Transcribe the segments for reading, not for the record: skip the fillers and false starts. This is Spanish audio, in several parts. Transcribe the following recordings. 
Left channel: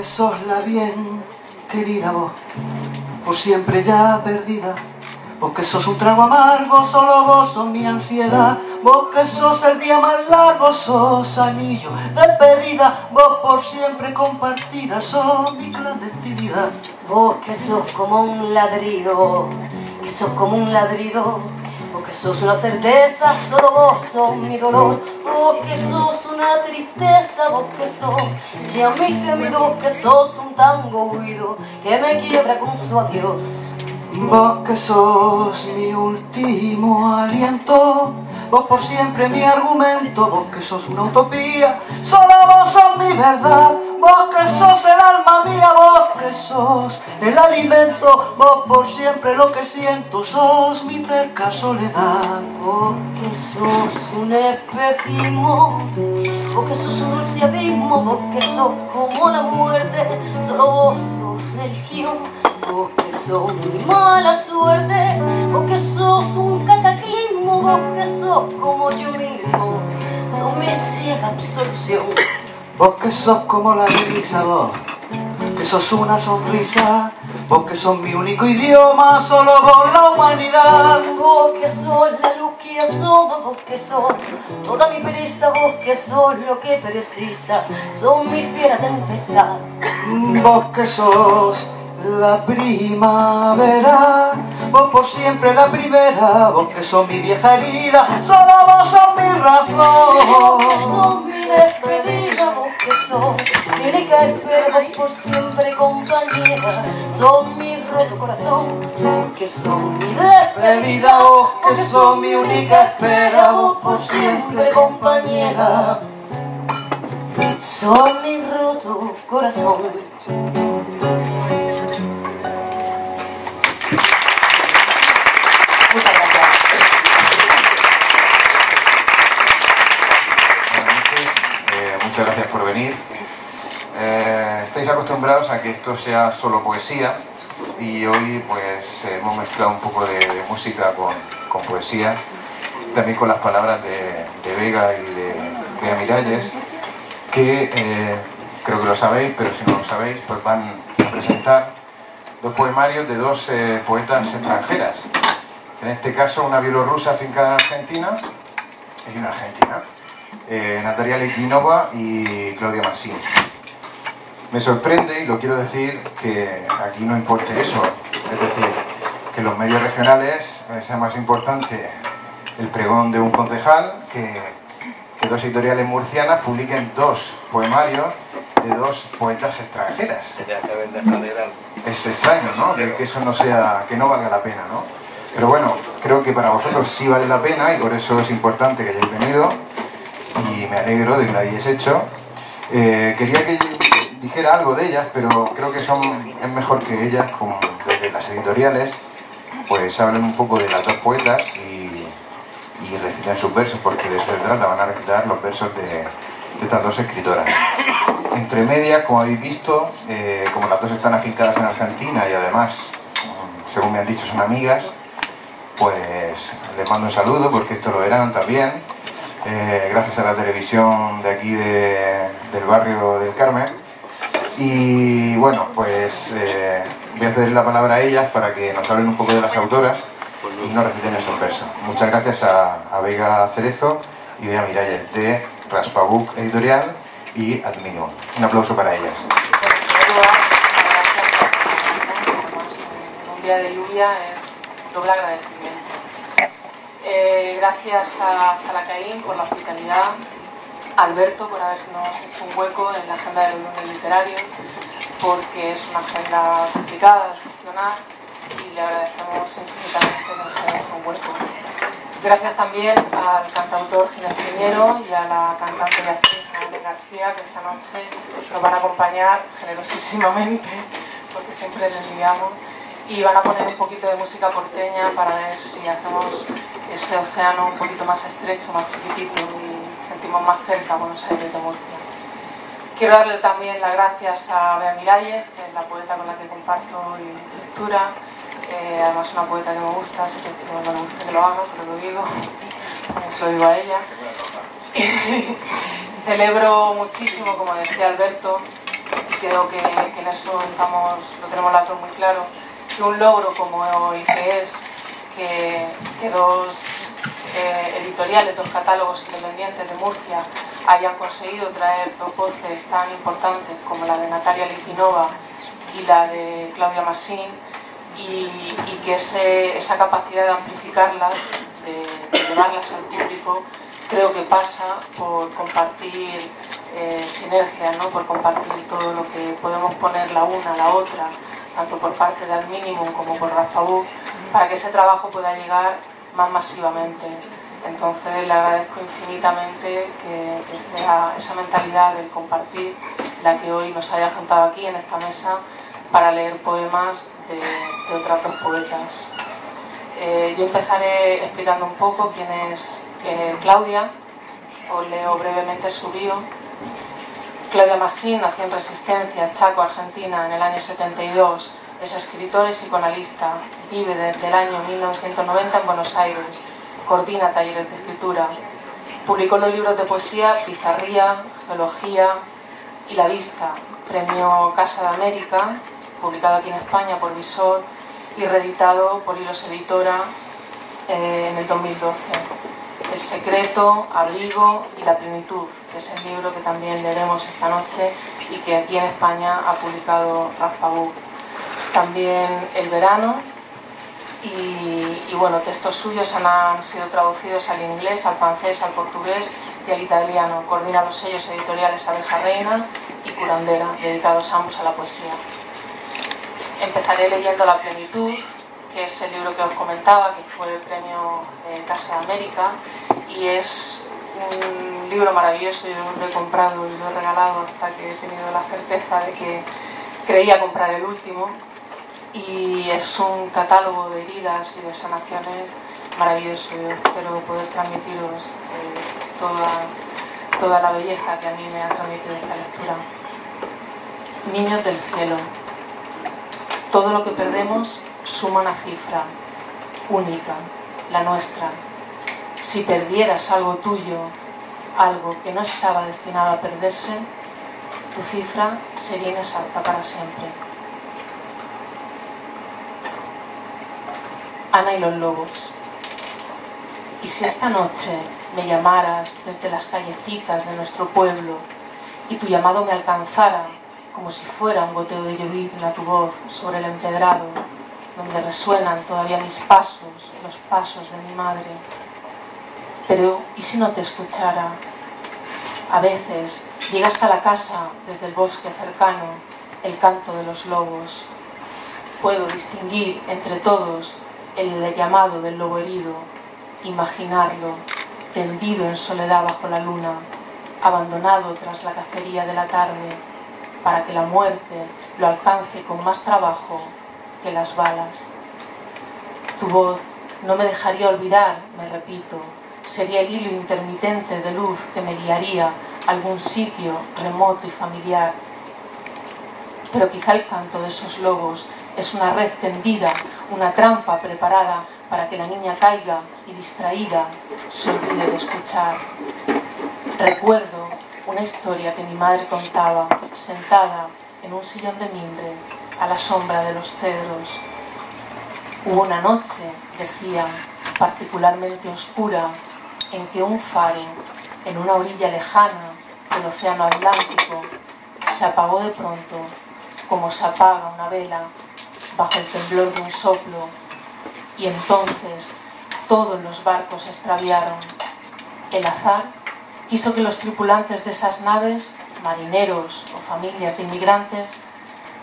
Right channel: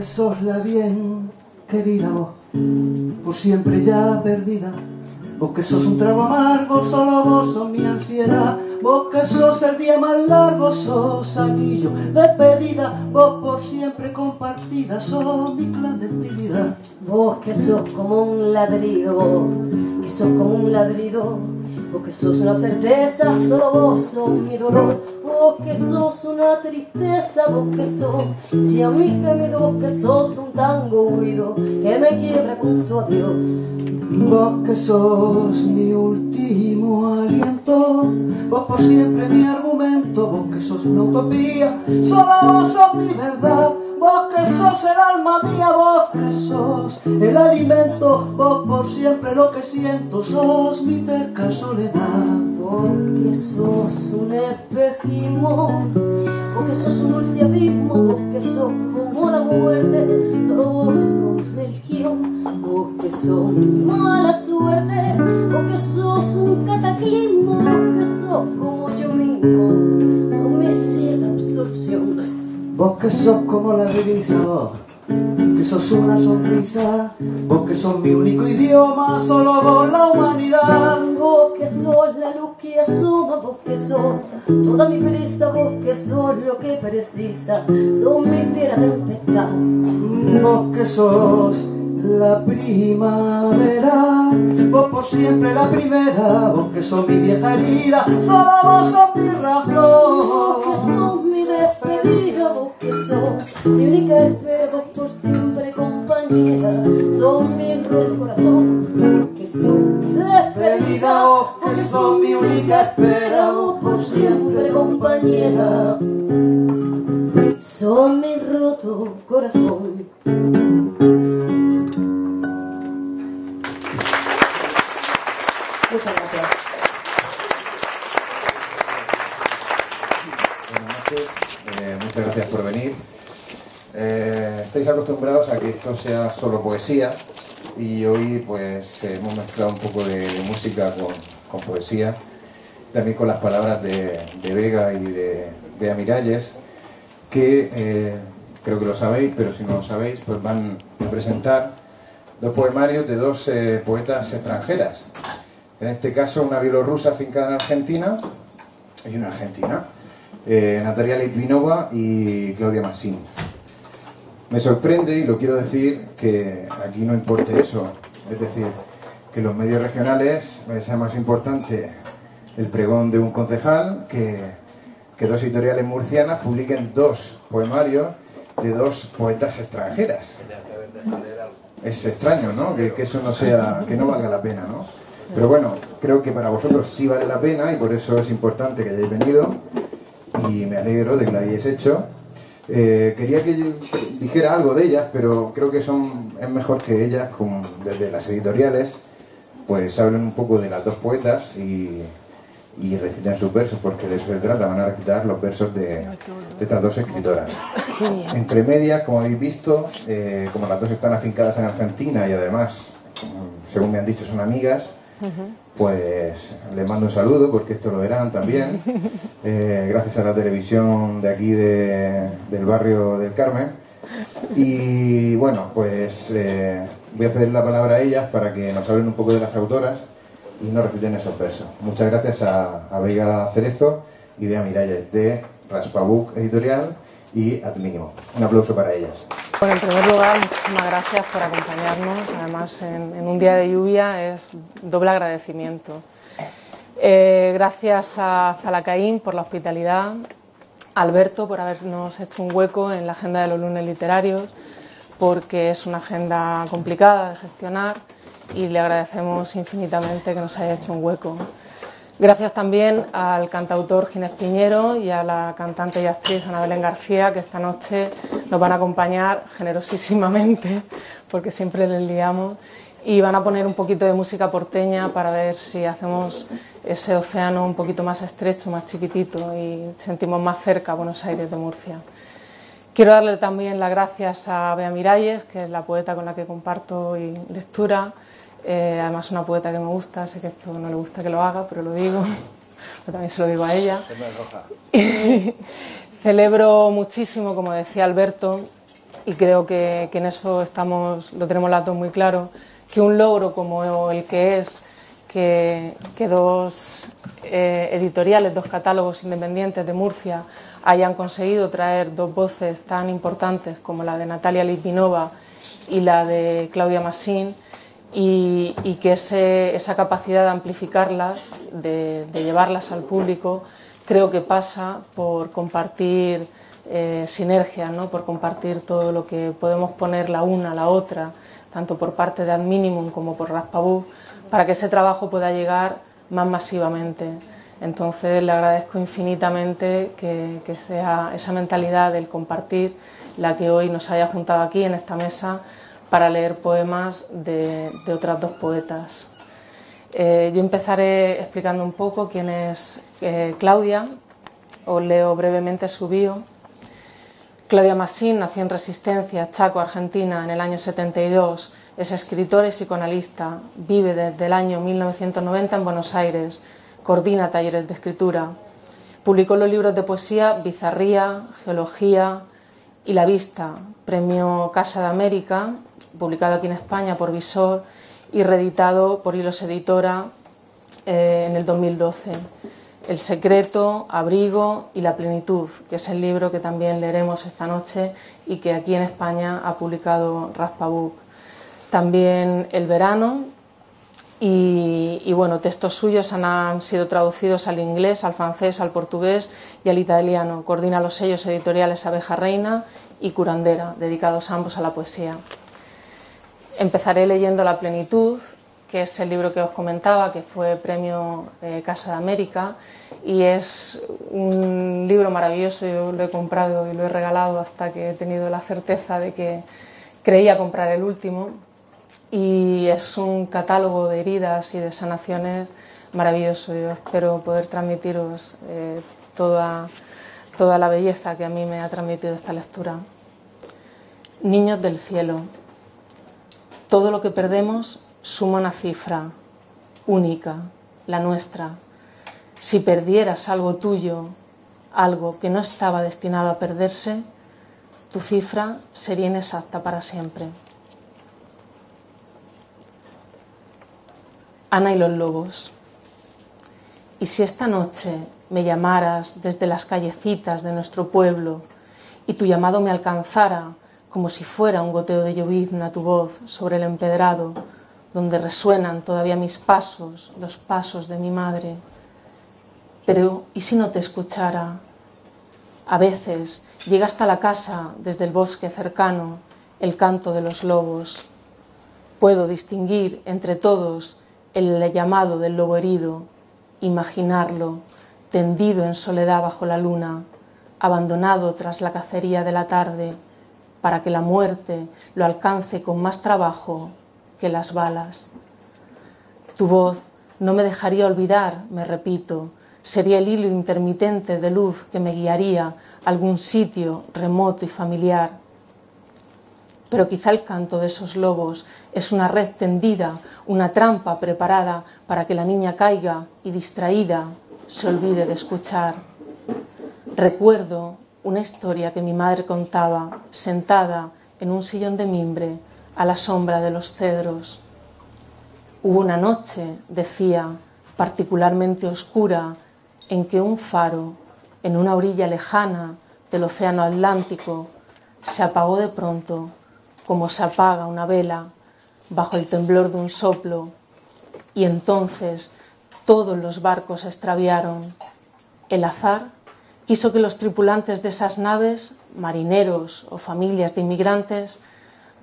que sos la bien querida, vos, por siempre ya perdida. Vos que sos un trago amargo, solo vos sos mi ansiedad. Vos que sos el día más largo, sos anillo de despedida. Vos por siempre compartida, sos mi clandestinidad. Vos que sos como un ladrido, que sos como un ladrido. Vos que sos una certeza, solo vos sos mi dolor. Vos que sos una tristeza, vos que sos ya mi gemido. Vos que sos un tango huido que me quiebra con su adiós. Vos que sos mi último aliento, vos por siempre mi argumento. Vos que sos una utopía, solo vos sos mi verdad. Vos que sos el alma mía, vos que sos el alimento. Vos por siempre lo que siento, sos mi terca soledad. Vos que sos un espejismo, vos que sos un dulce abismo. Vos que sos como la muerte, solo vos sos religión. Vos que sos mi mala suerte, vos que sos un cataclismo. Vos que sos como yo mismo, sos mi ciega absolución. Vos que sos como la brisa, vos que sos una sonrisa. Vos que sos mi único idioma, solo vos la humanidad. Vos que sos la luz que asoma, vos que sos toda mi prisa. Vos que sos lo que precisa, sos mi fiera tempestad. Vos que sos la primavera, vos por siempre la primera. Vos que sos mi vieja herida, solo vos sos mi razón. Vos que sos mi despedida, vos que sos mi única espera. Vos por siempre compañera, sos mi roto corazón. Vos que sos mi despedida, Vos que sos mi única espera. vos por siempre compañera, sos mi roto corazón. Muchas gracias. Buenas noches, muchas gracias por venir. Estáis acostumbrados a que esto sea solo poesía y hoy pues hemos mezclado un poco de música con poesía, también con las palabras de Vega y de Bea Miralles, que creo que lo sabéis, pero si no lo sabéis, pues van a presentar dos poemarios de dos poetas extranjeras. En este caso, una bielorrusa afincada en Argentina y una argentina, Natalia Litvinova y Claudia Massini. Me sorprende, y lo quiero decir, que aquí no importe eso, es decir, que los medios regionales sea más importante el pregón de un concejal que dos editoriales murcianas publiquen dos poemarios de dos poetas extranjeras. Es extraño, ¿no? Que eso no sea, que no valga la pena, ¿no? Pero bueno, creo que para vosotros sí vale la pena y por eso es importante que hayáis venido y me alegro de que lo hayáis hecho. Quería que dijera algo de ellas, pero creo que es mejor que ellas, como desde las editoriales, pues hablen un poco de las dos poetas y reciten sus versos, porque de eso se trata, van a recitar los versos de estas dos escritoras. Entre medias, como habéis visto, como las dos están afincadas en Argentina y además, según me han dicho, son amigas, pues les mando un saludo porque esto lo eran también, gracias a la televisión de aquí del barrio del Carmen. Y bueno, pues voy a ceder la palabra a ellas para que nos hablen un poco de las autoras y nos reciten esos versos. Muchas gracias a Vega Cerezo y Bea Miralles de Raspabuc Editorial y Admino. Un aplauso para ellas. En primer lugar, muchísimas gracias por acompañarnos, que además en un día de lluvia es doble agradecimiento. Gracias a Zalacaín por la hospitalidad, a Alberto por habernos hecho un hueco en la agenda de los lunes literarios, porque es una agenda complicada de gestionar y le agradecemos infinitamente que nos haya hecho un hueco. Gracias también al cantautor Ginés Piñero y a la cantante y actriz Ana Belén García, que esta noche nos van a acompañar generosísimamente, porque siempre les liamos, y van a poner un poquito de música porteña para ver si hacemos ese océano un poquito más estrecho, más chiquitito y sentimos más cerca a Buenos Aires de Murcia. Quiero darle también las gracias a Bea Miralles, que es la poeta con la que comparto lectura. Además es una poeta que me gusta, sé que esto no me gusta que lo haga, pero lo digo, también se lo digo a ella. Celebro muchísimo, como decía Alberto, y creo que en eso lo tenemos las dos muy claro, que un logro como el que es que dos editoriales, dos catálogos independientes de Murcia hayan conseguido traer dos voces tan importantes como la de Natalia Litvinova y la de Claudia Massín, y que esa capacidad de amplificarlas, de llevarlas al público, creo que pasa por compartir sinergia, ¿no? Por compartir todo lo que podemos poner la una a la otra, tanto por parte de Al Minimum como por Raspabuc, para que ese trabajo pueda llegar más masivamente. Entonces le agradezco infinitamente que sea esa mentalidad del compartir la que hoy nos haya juntado aquí en esta mesa para leer poemas de otras dos poetas. Yo empezaré explicando un poco quién es Claudia. Os leo brevemente su bio. Claudia Massín nació en Resistencia, Chaco, Argentina, en el año 72. Es escritora y psicoanalista. Vive desde el año 1990 en Buenos Aires. Coordina talleres de escritura. Publicó los libros de poesía Bizarría, Geología y La Vista, premio Casa de América, publicado aquí en España por Visor y reeditado por Hilos Editora en el 2012. El secreto, Abrigo y La plenitud, que es el libro que también leeremos esta noche y que aquí en España ha publicado Raspabuc. También El verano y bueno, textos suyos han sido traducidos al inglés, al francés, al portugués y al italiano. Coordina los sellos editoriales Abeja Reina y Curandera, dedicados ambos a la poesía. Empezaré leyendo La plenitud, que es el libro que os comentaba, que fue premio Casa de América, y es un libro maravilloso. Yo lo he comprado y lo he regalado hasta que he tenido la certeza de que creía comprar el último, y es un catálogo de heridas y de sanaciones maravilloso. Yo espero poder transmitiros toda la belleza que a mí me ha transmitido esta lectura. Niños del cielo. Todo lo que perdemos suma una cifra única, la nuestra. Si perdieras algo tuyo, algo que no estaba destinado a perderse, tu cifra sería inexacta para siempre. Ana y los lobos. Y si esta noche me llamaras desde las callecitas de nuestro pueblo y tu llamado me alcanzara como si fuera un goteo de llovizna tu voz sobre el empedrado, donde resuenan todavía mis pasos, los pasos de mi madre. Pero, ¿y si no te escuchara? A veces llega hasta la casa, desde el bosque cercano, el canto de los lobos. Puedo distinguir entre todos el llamado del lobo herido, imaginarlo, tendido en soledad bajo la luna, abandonado tras la cacería de la tarde, para que la muerte lo alcance con más trabajo que las balas. Tu voz no me dejaría olvidar, me repito, sería el hilo intermitente de luz que me guiaría a algún sitio remoto y familiar. Pero quizá el canto de esos lobos es una red tendida, una trampa preparada para que la niña caiga y distraída se olvide de escuchar. Recuerdo una historia que mi madre contaba, sentada en un sillón de mimbre a la sombra de los cedros. Hubo una noche, decía, particularmente oscura, en que un faro, en una orilla lejana del océano Atlántico, se apagó de pronto, como se apaga una vela, bajo el temblor de un soplo, y entonces todos los barcos se extraviaron. El azar quiso que los tripulantes de esas naves, marineros o familias de inmigrantes,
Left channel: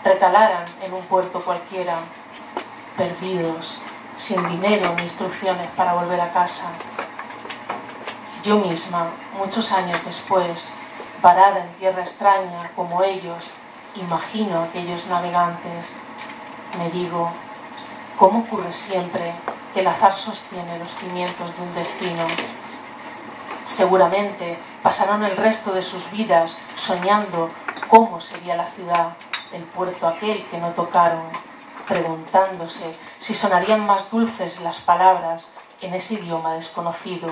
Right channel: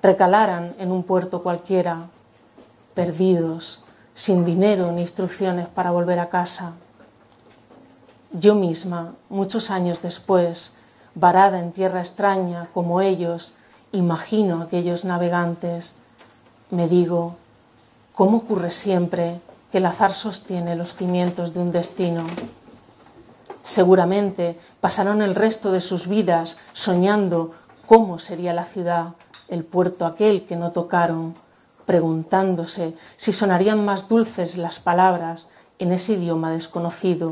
recalaran en un puerto cualquiera, perdidos, sin dinero ni instrucciones para volver a casa. Yo misma, muchos años después, varada en tierra extraña como ellos, imagino a aquellos navegantes. Me digo, ¿cómo ocurre siempre que el azar sostiene los cimientos de un destino? Seguramente pasaron el resto de sus vidas soñando cómo sería la ciudad, el puerto aquel que no tocaron, preguntándose si sonarían más dulces las palabras en ese idioma desconocido,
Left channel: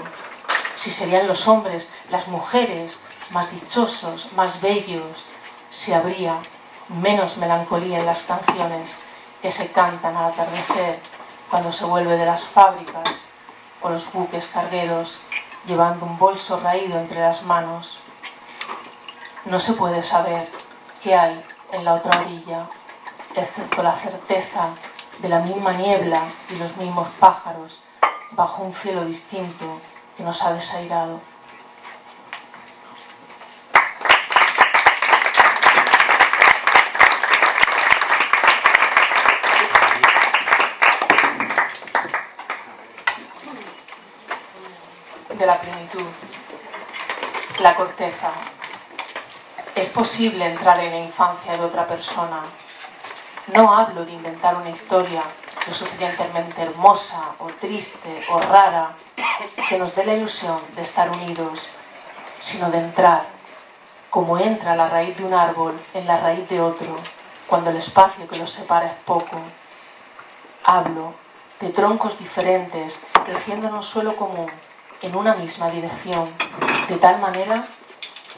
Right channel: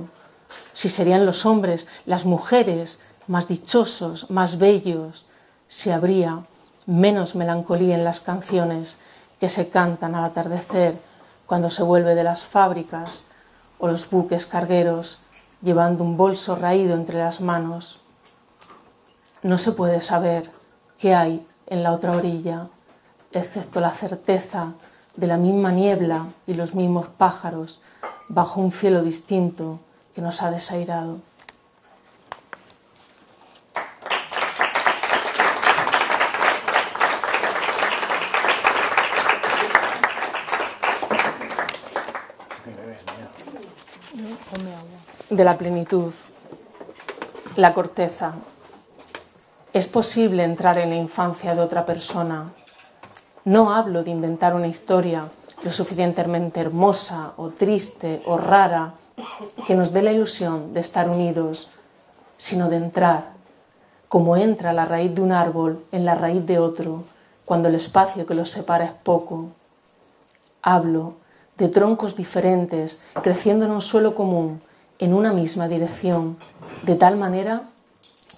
si serían los hombres, las mujeres, más dichosos, más bellos, si habría menos melancolía en las canciones que se cantan al atardecer cuando se vuelve de las fábricas o los buques cargueros llevando un bolso raído entre las manos. No se puede saber qué hay en la otra orilla, excepto la certeza de la misma niebla y los mismos pájaros bajo un cielo distinto que nos ha desairado. De la plenitud, la corteza. Es posible entrar en la infancia de otra persona. No hablo de inventar una historia lo suficientemente hermosa o triste o rara que nos dé la ilusión de estar unidos, sino de entrar, como entra la raíz de un árbol en la raíz de otro, cuando el espacio que los separa es poco. Hablo de troncos diferentes creciendo en un suelo común, en una misma dirección, de tal manera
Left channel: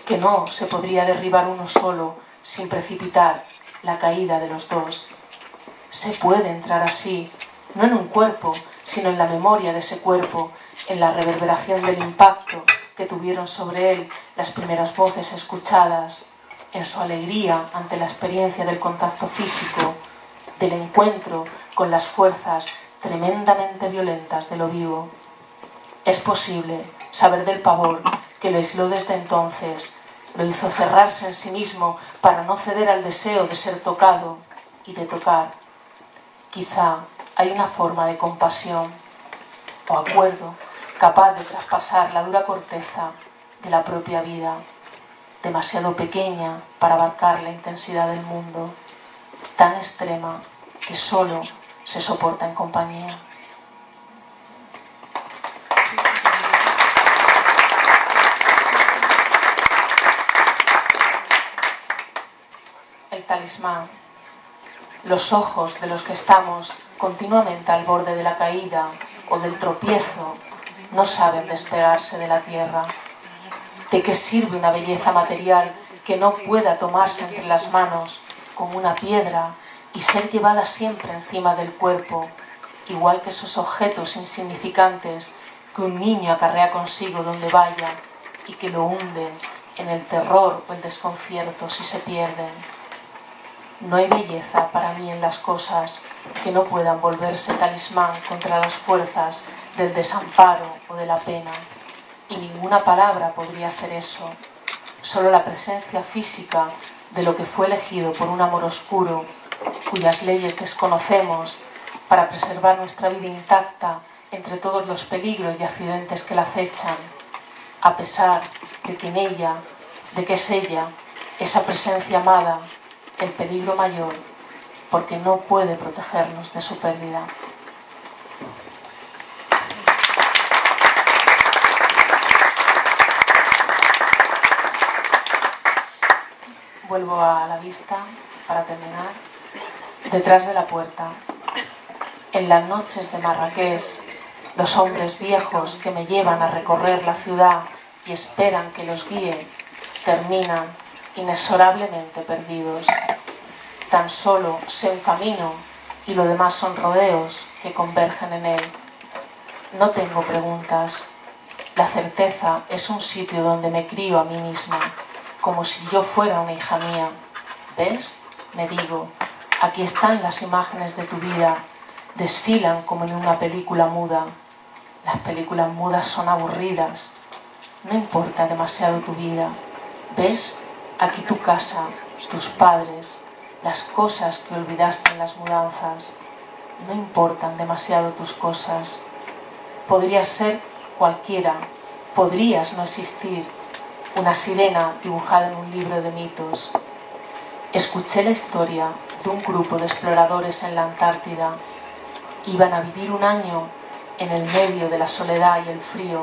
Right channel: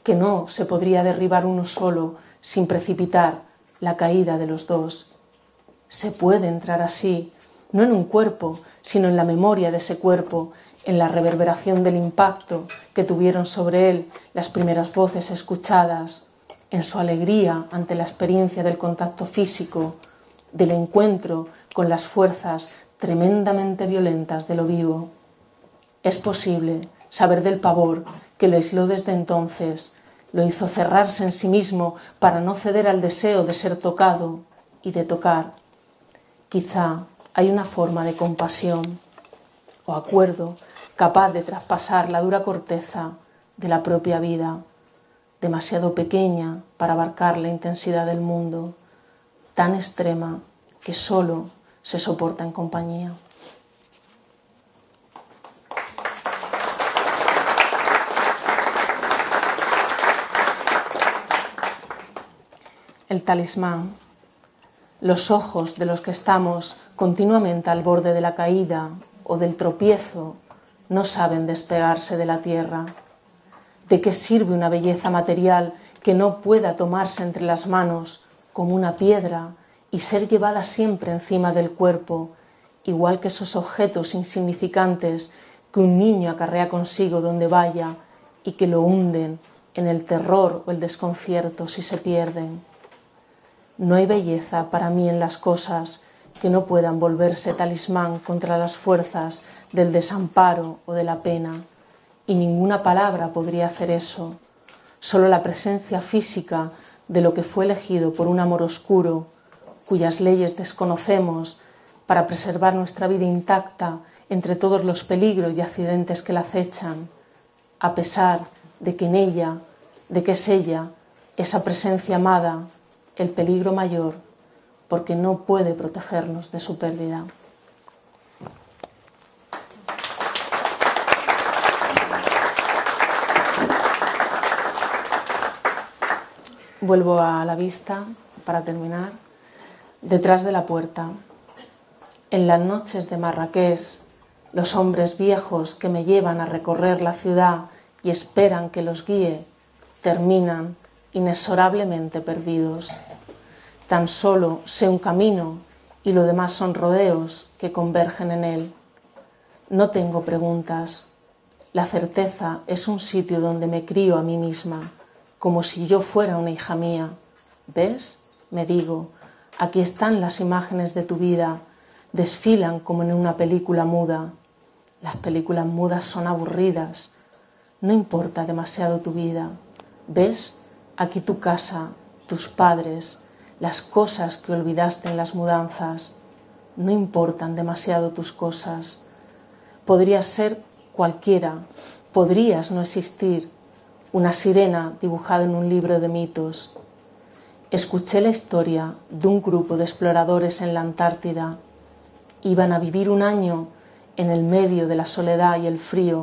que no se podría derribar uno solo sin precipitar la caída de los dos. Se puede entrar así, no en un cuerpo, sino en la memoria de ese cuerpo, en la reverberación del impacto que tuvieron sobre él las primeras voces escuchadas, en su alegría ante la experiencia del contacto físico, del encuentro con las fuerzas tremendamente violentas de lo vivo. Es posible saber del pavor que lo aisló desde entonces, lo hizo cerrarse en sí mismo para no ceder al deseo de ser tocado y de tocar. Quizá hay una forma de compasión o acuerdo capaz de traspasar la dura corteza de la propia vida, demasiado pequeña para abarcar la intensidad del mundo, tan extrema que solo se soporta en compañía. El talismán. Los ojos de los que estamos continuamente al borde de la caída o del tropiezo no saben despegarse de la tierra. ¿De qué sirve una belleza material que no pueda tomarse entre las manos como una piedra y ser llevada siempre encima del cuerpo, igual que esos objetos insignificantes que un niño acarrea consigo donde vaya y que lo hunden en el terror o el desconcierto si se pierden? No hay belleza para mí en las cosas que no puedan volverse talismán contra las fuerzas del desamparo o de la pena, y ninguna palabra podría hacer eso. Solo la presencia física de lo que fue elegido por un amor oscuro, cuyas leyes desconocemos, para preservar nuestra vida intacta entre todos los peligros y accidentes que la acechan, a pesar de que en ella, de que es ella, esa presencia amada, el peligro mayor, porque no puede protegernos de su pérdida. Vuelvo a la vista para terminar. Detrás de la puerta. En las noches de Marrakech, los hombres viejos que me llevan a recorrer la ciudad y esperan que los guíe, terminan inexorablemente perdidos. Tan solo sé un camino y lo demás son rodeos que convergen en él. No tengo preguntas. La certeza es un sitio donde me crío a mí misma, como si yo fuera una hija mía. ¿Ves? Me digo, aquí están las imágenes de tu vida, desfilan como en una película muda. Las películas mudas son aburridas. No importa demasiado tu vida. ¿Ves? Aquí tu casa, tus padres, las cosas que olvidaste en las mudanzas. No importan demasiado tus cosas. Podrías ser cualquiera, podrías no existir, una sirena dibujada en un libro de mitos. Escuché la historia de un grupo de exploradores en la Antártida. Iban a vivir un año en el medio de la soledad y el frío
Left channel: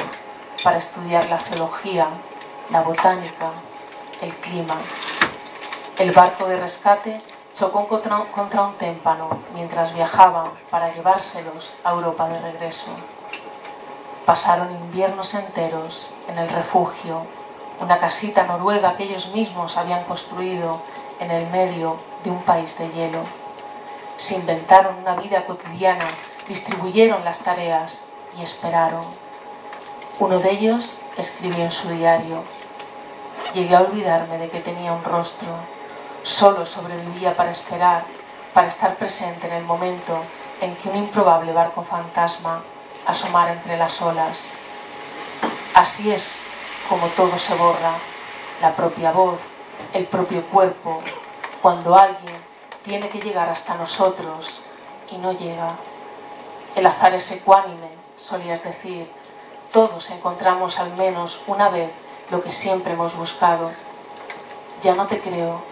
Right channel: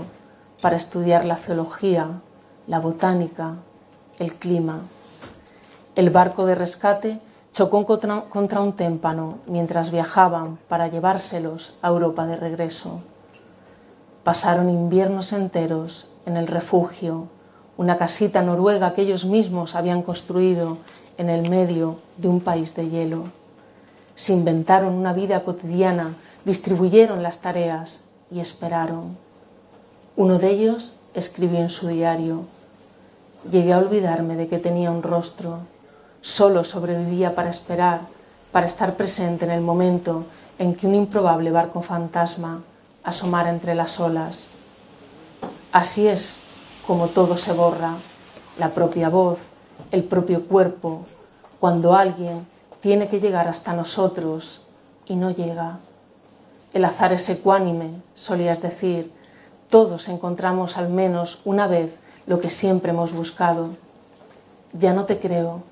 para estudiar la zoología, la botánica, el clima. El barco de rescate chocó contra un témpano mientras viajaban para llevárselos a Europa de regreso. Pasaron inviernos enteros en el refugio, una casita noruega que ellos mismos habían construido en el medio de un país de hielo. Se inventaron una vida cotidiana, distribuyeron las tareas y esperaron. Uno de ellos escribió en su diario: llegué a olvidarme de que tenía un rostro. Solo sobrevivía para esperar, para estar presente en el momento en que un improbable barco fantasma asomara entre las olas. Así es como todo se borra, la propia voz, el propio cuerpo, cuando alguien tiene que llegar hasta nosotros y no llega. El azar es ecuánime, solías decir. Todos encontramos al menos una vez lo que siempre hemos buscado. Ya no te creo.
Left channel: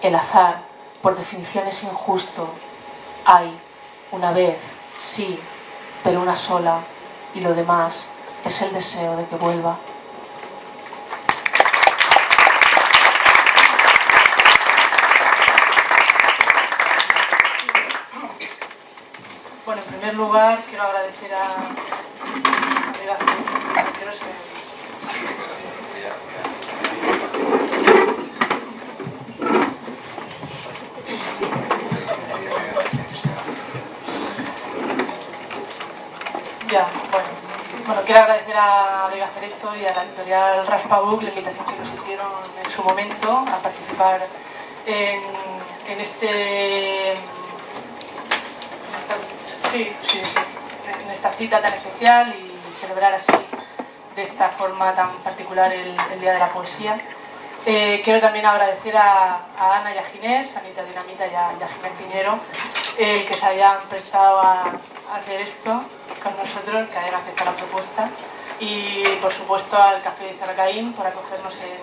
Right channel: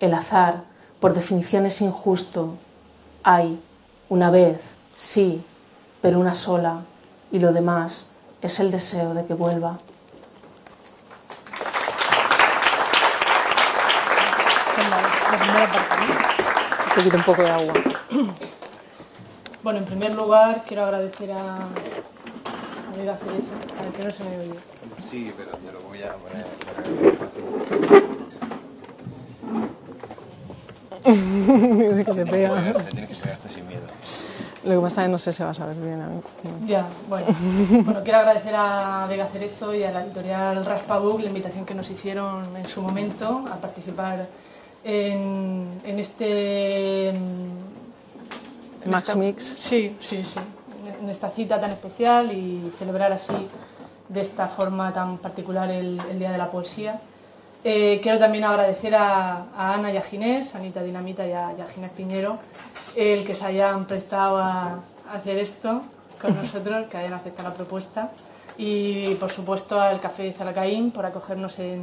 El azar, por definición, es injusto. Hay una vez, sí, pero una sola, y lo demás es el deseo de que vuelva. Te quito un poco de agua. Bueno, en primer lugar quiero agradecer a Vega Cerezo, para que no se me oye. Sí, pero voy a... Lo que pasa es que no sé si vas a ver. Ya, bueno, quiero agradecer a Vega Cerezo y a la editorial Raspabook la invitación que nos hicieron en su momento a participar en este... Max Mix. Sí, en esta cita tan especial y celebrar así, de esta forma tan particular, el Día de la Poesía. Quiero también agradecer a Ana y a Ginés, a Anita Dinamita y a Ginés Piñero, que se hayan prestado a hacer esto con nosotros, que hayan aceptado la propuesta. Y por supuesto al Café de Zalacaín por acogernos en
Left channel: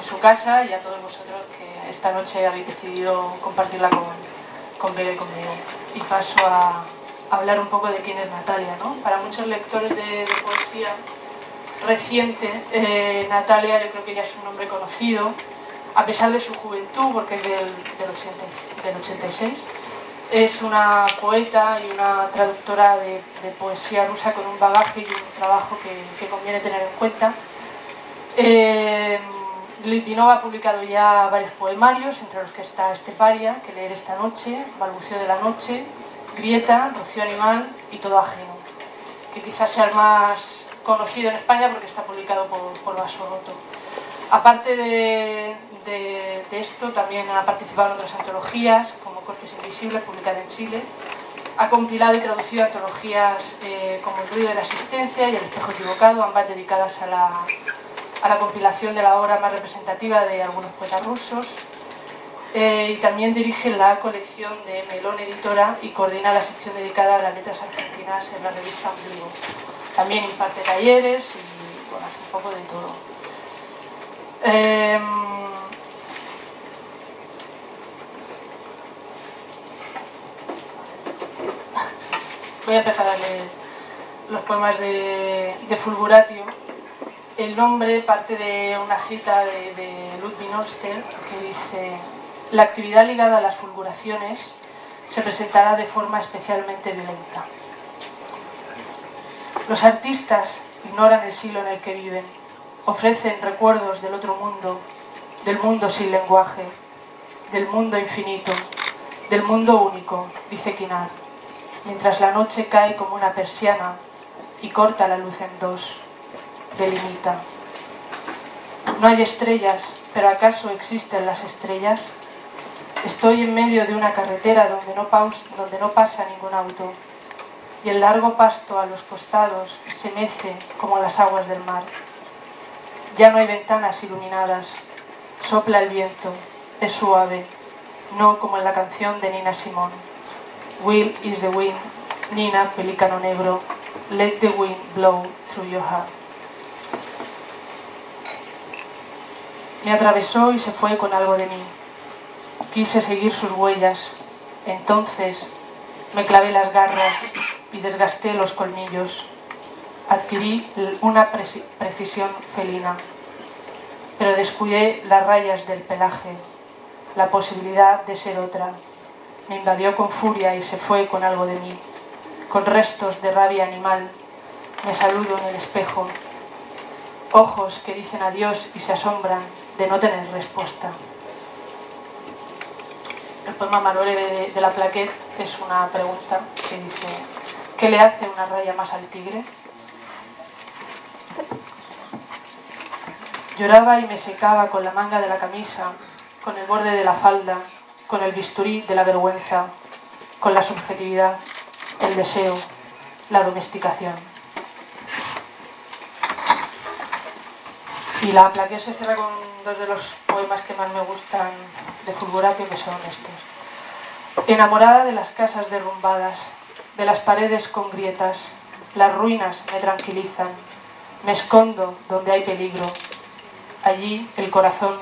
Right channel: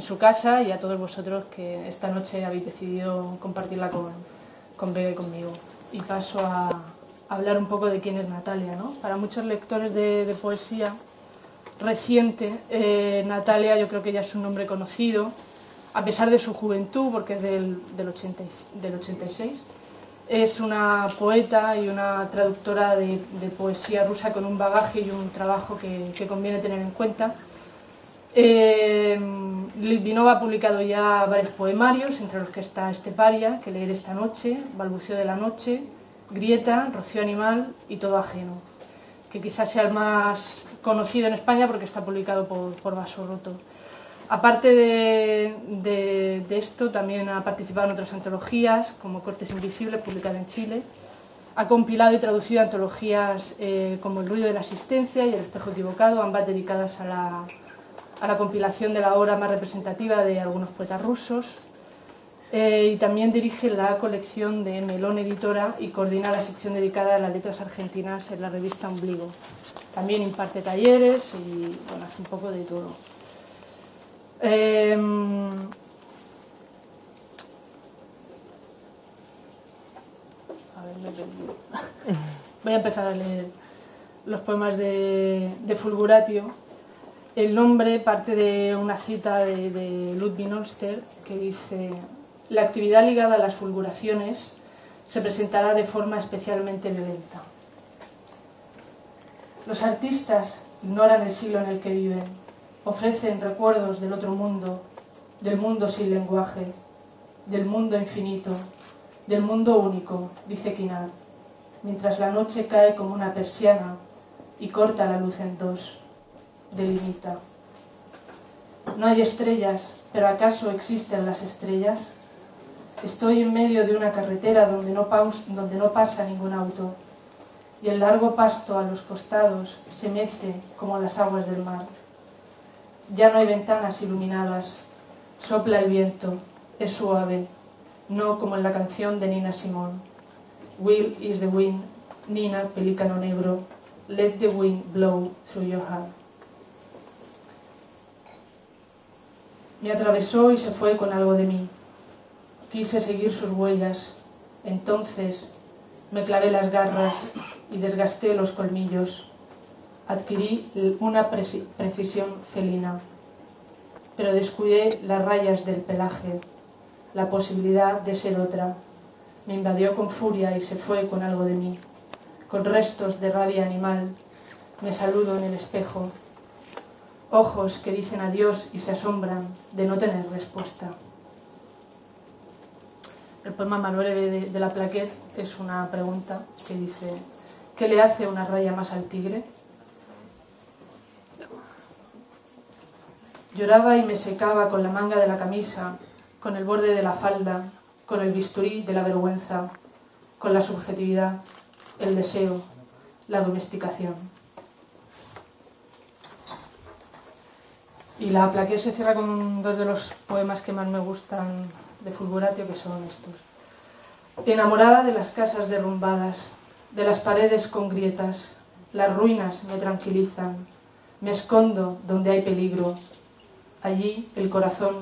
su casa, y a todos vosotros que esta noche habéis decidido compartirla con Vega y conmigo. Y paso a hablar un poco de quién es Natalia, ¿no? Para muchos lectores de poesía reciente, Natalia yo creo que ya es un nombre conocido, a pesar de su juventud, porque es del 86. Es una poeta y una traductora de poesía rusa con un bagaje y un trabajo que conviene tener en cuenta. Litvinov ha publicado ya varios poemarios, entre los que está Esteparia, que leer esta noche, Balbuceo de la noche, Grieta, Rocío animal y Todo ajeno, que quizás sea el más conocido en España porque está publicado por Basorroto. Aparte de esto, también ha participado en otras antologías, como Cortes Invisibles, publicada en Chile. Ha compilado y traducido antologías como El ruido de la existencia y El espejo equivocado, ambas dedicadas a la compilación de la obra más representativa de algunos poetas rusos. Y también dirige la colección de Melón Editora y coordina la sección dedicada a las letras argentinas en la revista Ombligo. También imparte talleres y bueno, hace un poco de todo. Voy a empezar a leer los poemas de Fulguratio. El nombre parte de una cita de Ludwig Noster que dice: la actividad ligada a las fulguraciones se presentará de forma especialmente violenta. Los artistas ignoran el siglo en el que viven, ofrecen recuerdos del otro mundo, del mundo sin lenguaje, del mundo infinito, del mundo único, dice Quinar, mientras la noche cae como una persiana y corta la luz en dos, delimita. No hay estrellas, pero ¿acaso existen las estrellas? Estoy en medio de una carretera donde no pasa ningún auto, y el largo pasto a los costados se mece como las aguas del mar. Ya no hay ventanas iluminadas, sopla el viento, es suave, no como en la canción de Nina Simone. Will is the wind, Nina, pelícano negro, let the wind blow through your heart. Me atravesó y se fue con algo de mí. Quise seguir sus huellas, entonces me clavé las garras y desgasté los colmillos. Adquirí una precisión felina, pero descuidé las rayas del pelaje, la posibilidad de ser otra. Me invadió con furia y se fue con algo de mí, con restos de rabia animal. Me saludo en el espejo. Ojos que dicen adiós y se asombran de no tener respuesta. poema Manuel de la Plaquet es una pregunta que dice: ¿qué le hace una raya más al tigre? Lloraba y me secaba con la manga de la camisa, con el borde de la falda, con el bisturí de la vergüenza, con la subjetividad, el deseo, la domesticación. Y la Plaquet se cierra con dos de los poemas que más me gustan de Fulguratio, que son estos. Enamorada de las casas derrumbadas, de las paredes con grietas, las ruinas me tranquilizan, me escondo donde hay peligro. Allí el corazón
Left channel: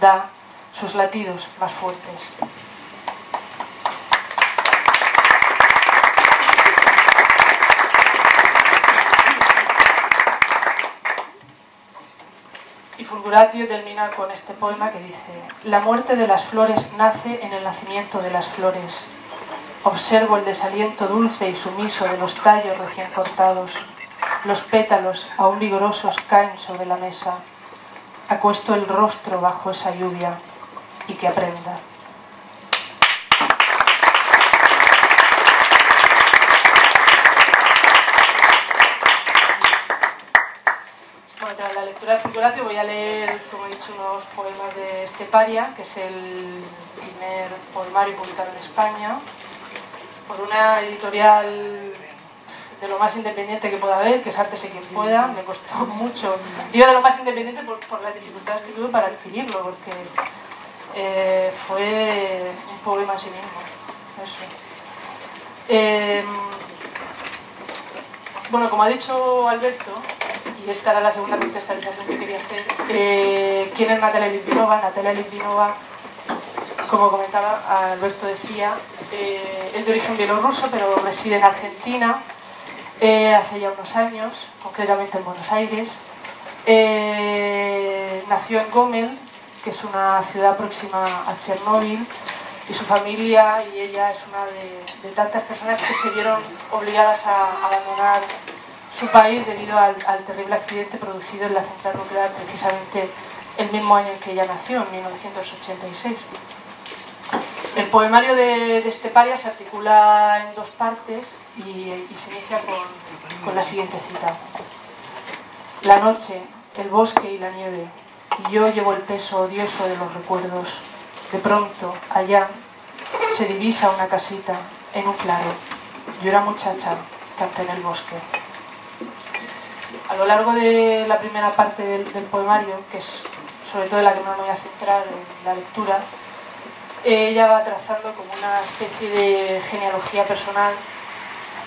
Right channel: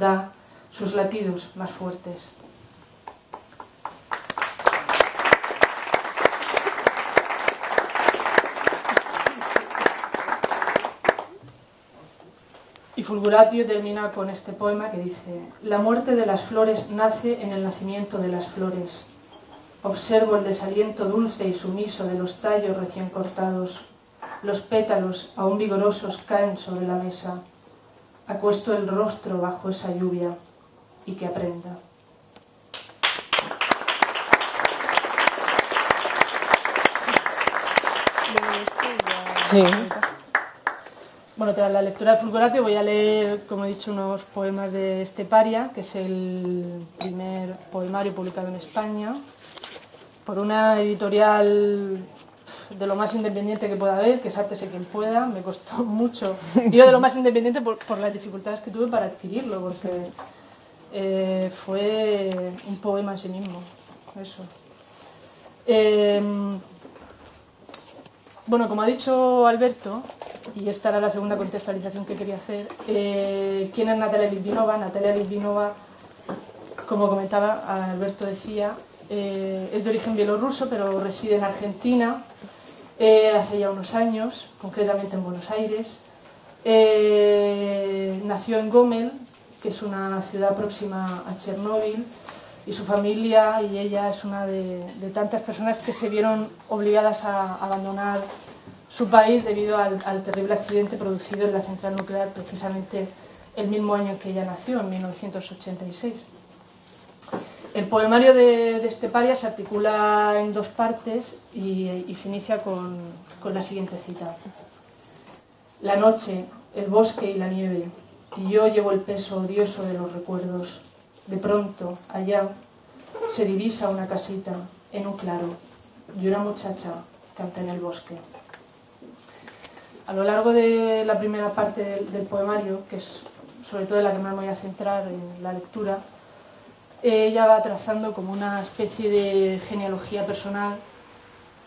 da sus latidos más fuertes. Y Fulguratio termina con este poema que dice: la muerte de las flores nace en el nacimiento de las flores. Observo el desaliento dulce y sumiso de los tallos recién cortados. Los pétalos, aún vigorosos, caen sobre la mesa. Acuesto el rostro bajo esa lluvia y que aprenda. Sí. Bueno, tras la lectura de Fulguratio voy a leer, como he dicho, unos poemas de Esteparia, que es el primer poemario publicado en España, por una editorial de lo más independiente que pueda haber, que es Ártese quien pueda. Me costó mucho. Yo de lo más independiente por las dificultades que tuve para adquirirlo, porque fue un poema en sí mismo. Eso. Bueno, como ha dicho Alberto, y esta era la segunda contextualización que quería hacer, ¿quién es Natalia Litvinova? Natalia Litvinova, como comentaba, Alberto decía, es de origen bielorruso, pero reside en Argentina hace ya unos años, concretamente en Buenos Aires. Nació en Gomel, que es una ciudad próxima a Chernóbil, y su familia y ella es una de tantas personas que se vieron obligadas a abandonar su país debido al terrible accidente producido en la central nuclear precisamente el mismo año en que ella nació, en 1986. El poemario de Esteparia se articula en dos partes y se inicia con la siguiente cita. La noche, el bosque y la nieve, y yo llevo el peso odioso de los recuerdos. De pronto, allá, se divisa una casita en un claro. Yo era muchacha, canté en el bosque. A lo largo de la primera parte del poemario, que es sobre todo en la que me voy a centrar en la lectura, ella va trazando como una especie de genealogía personal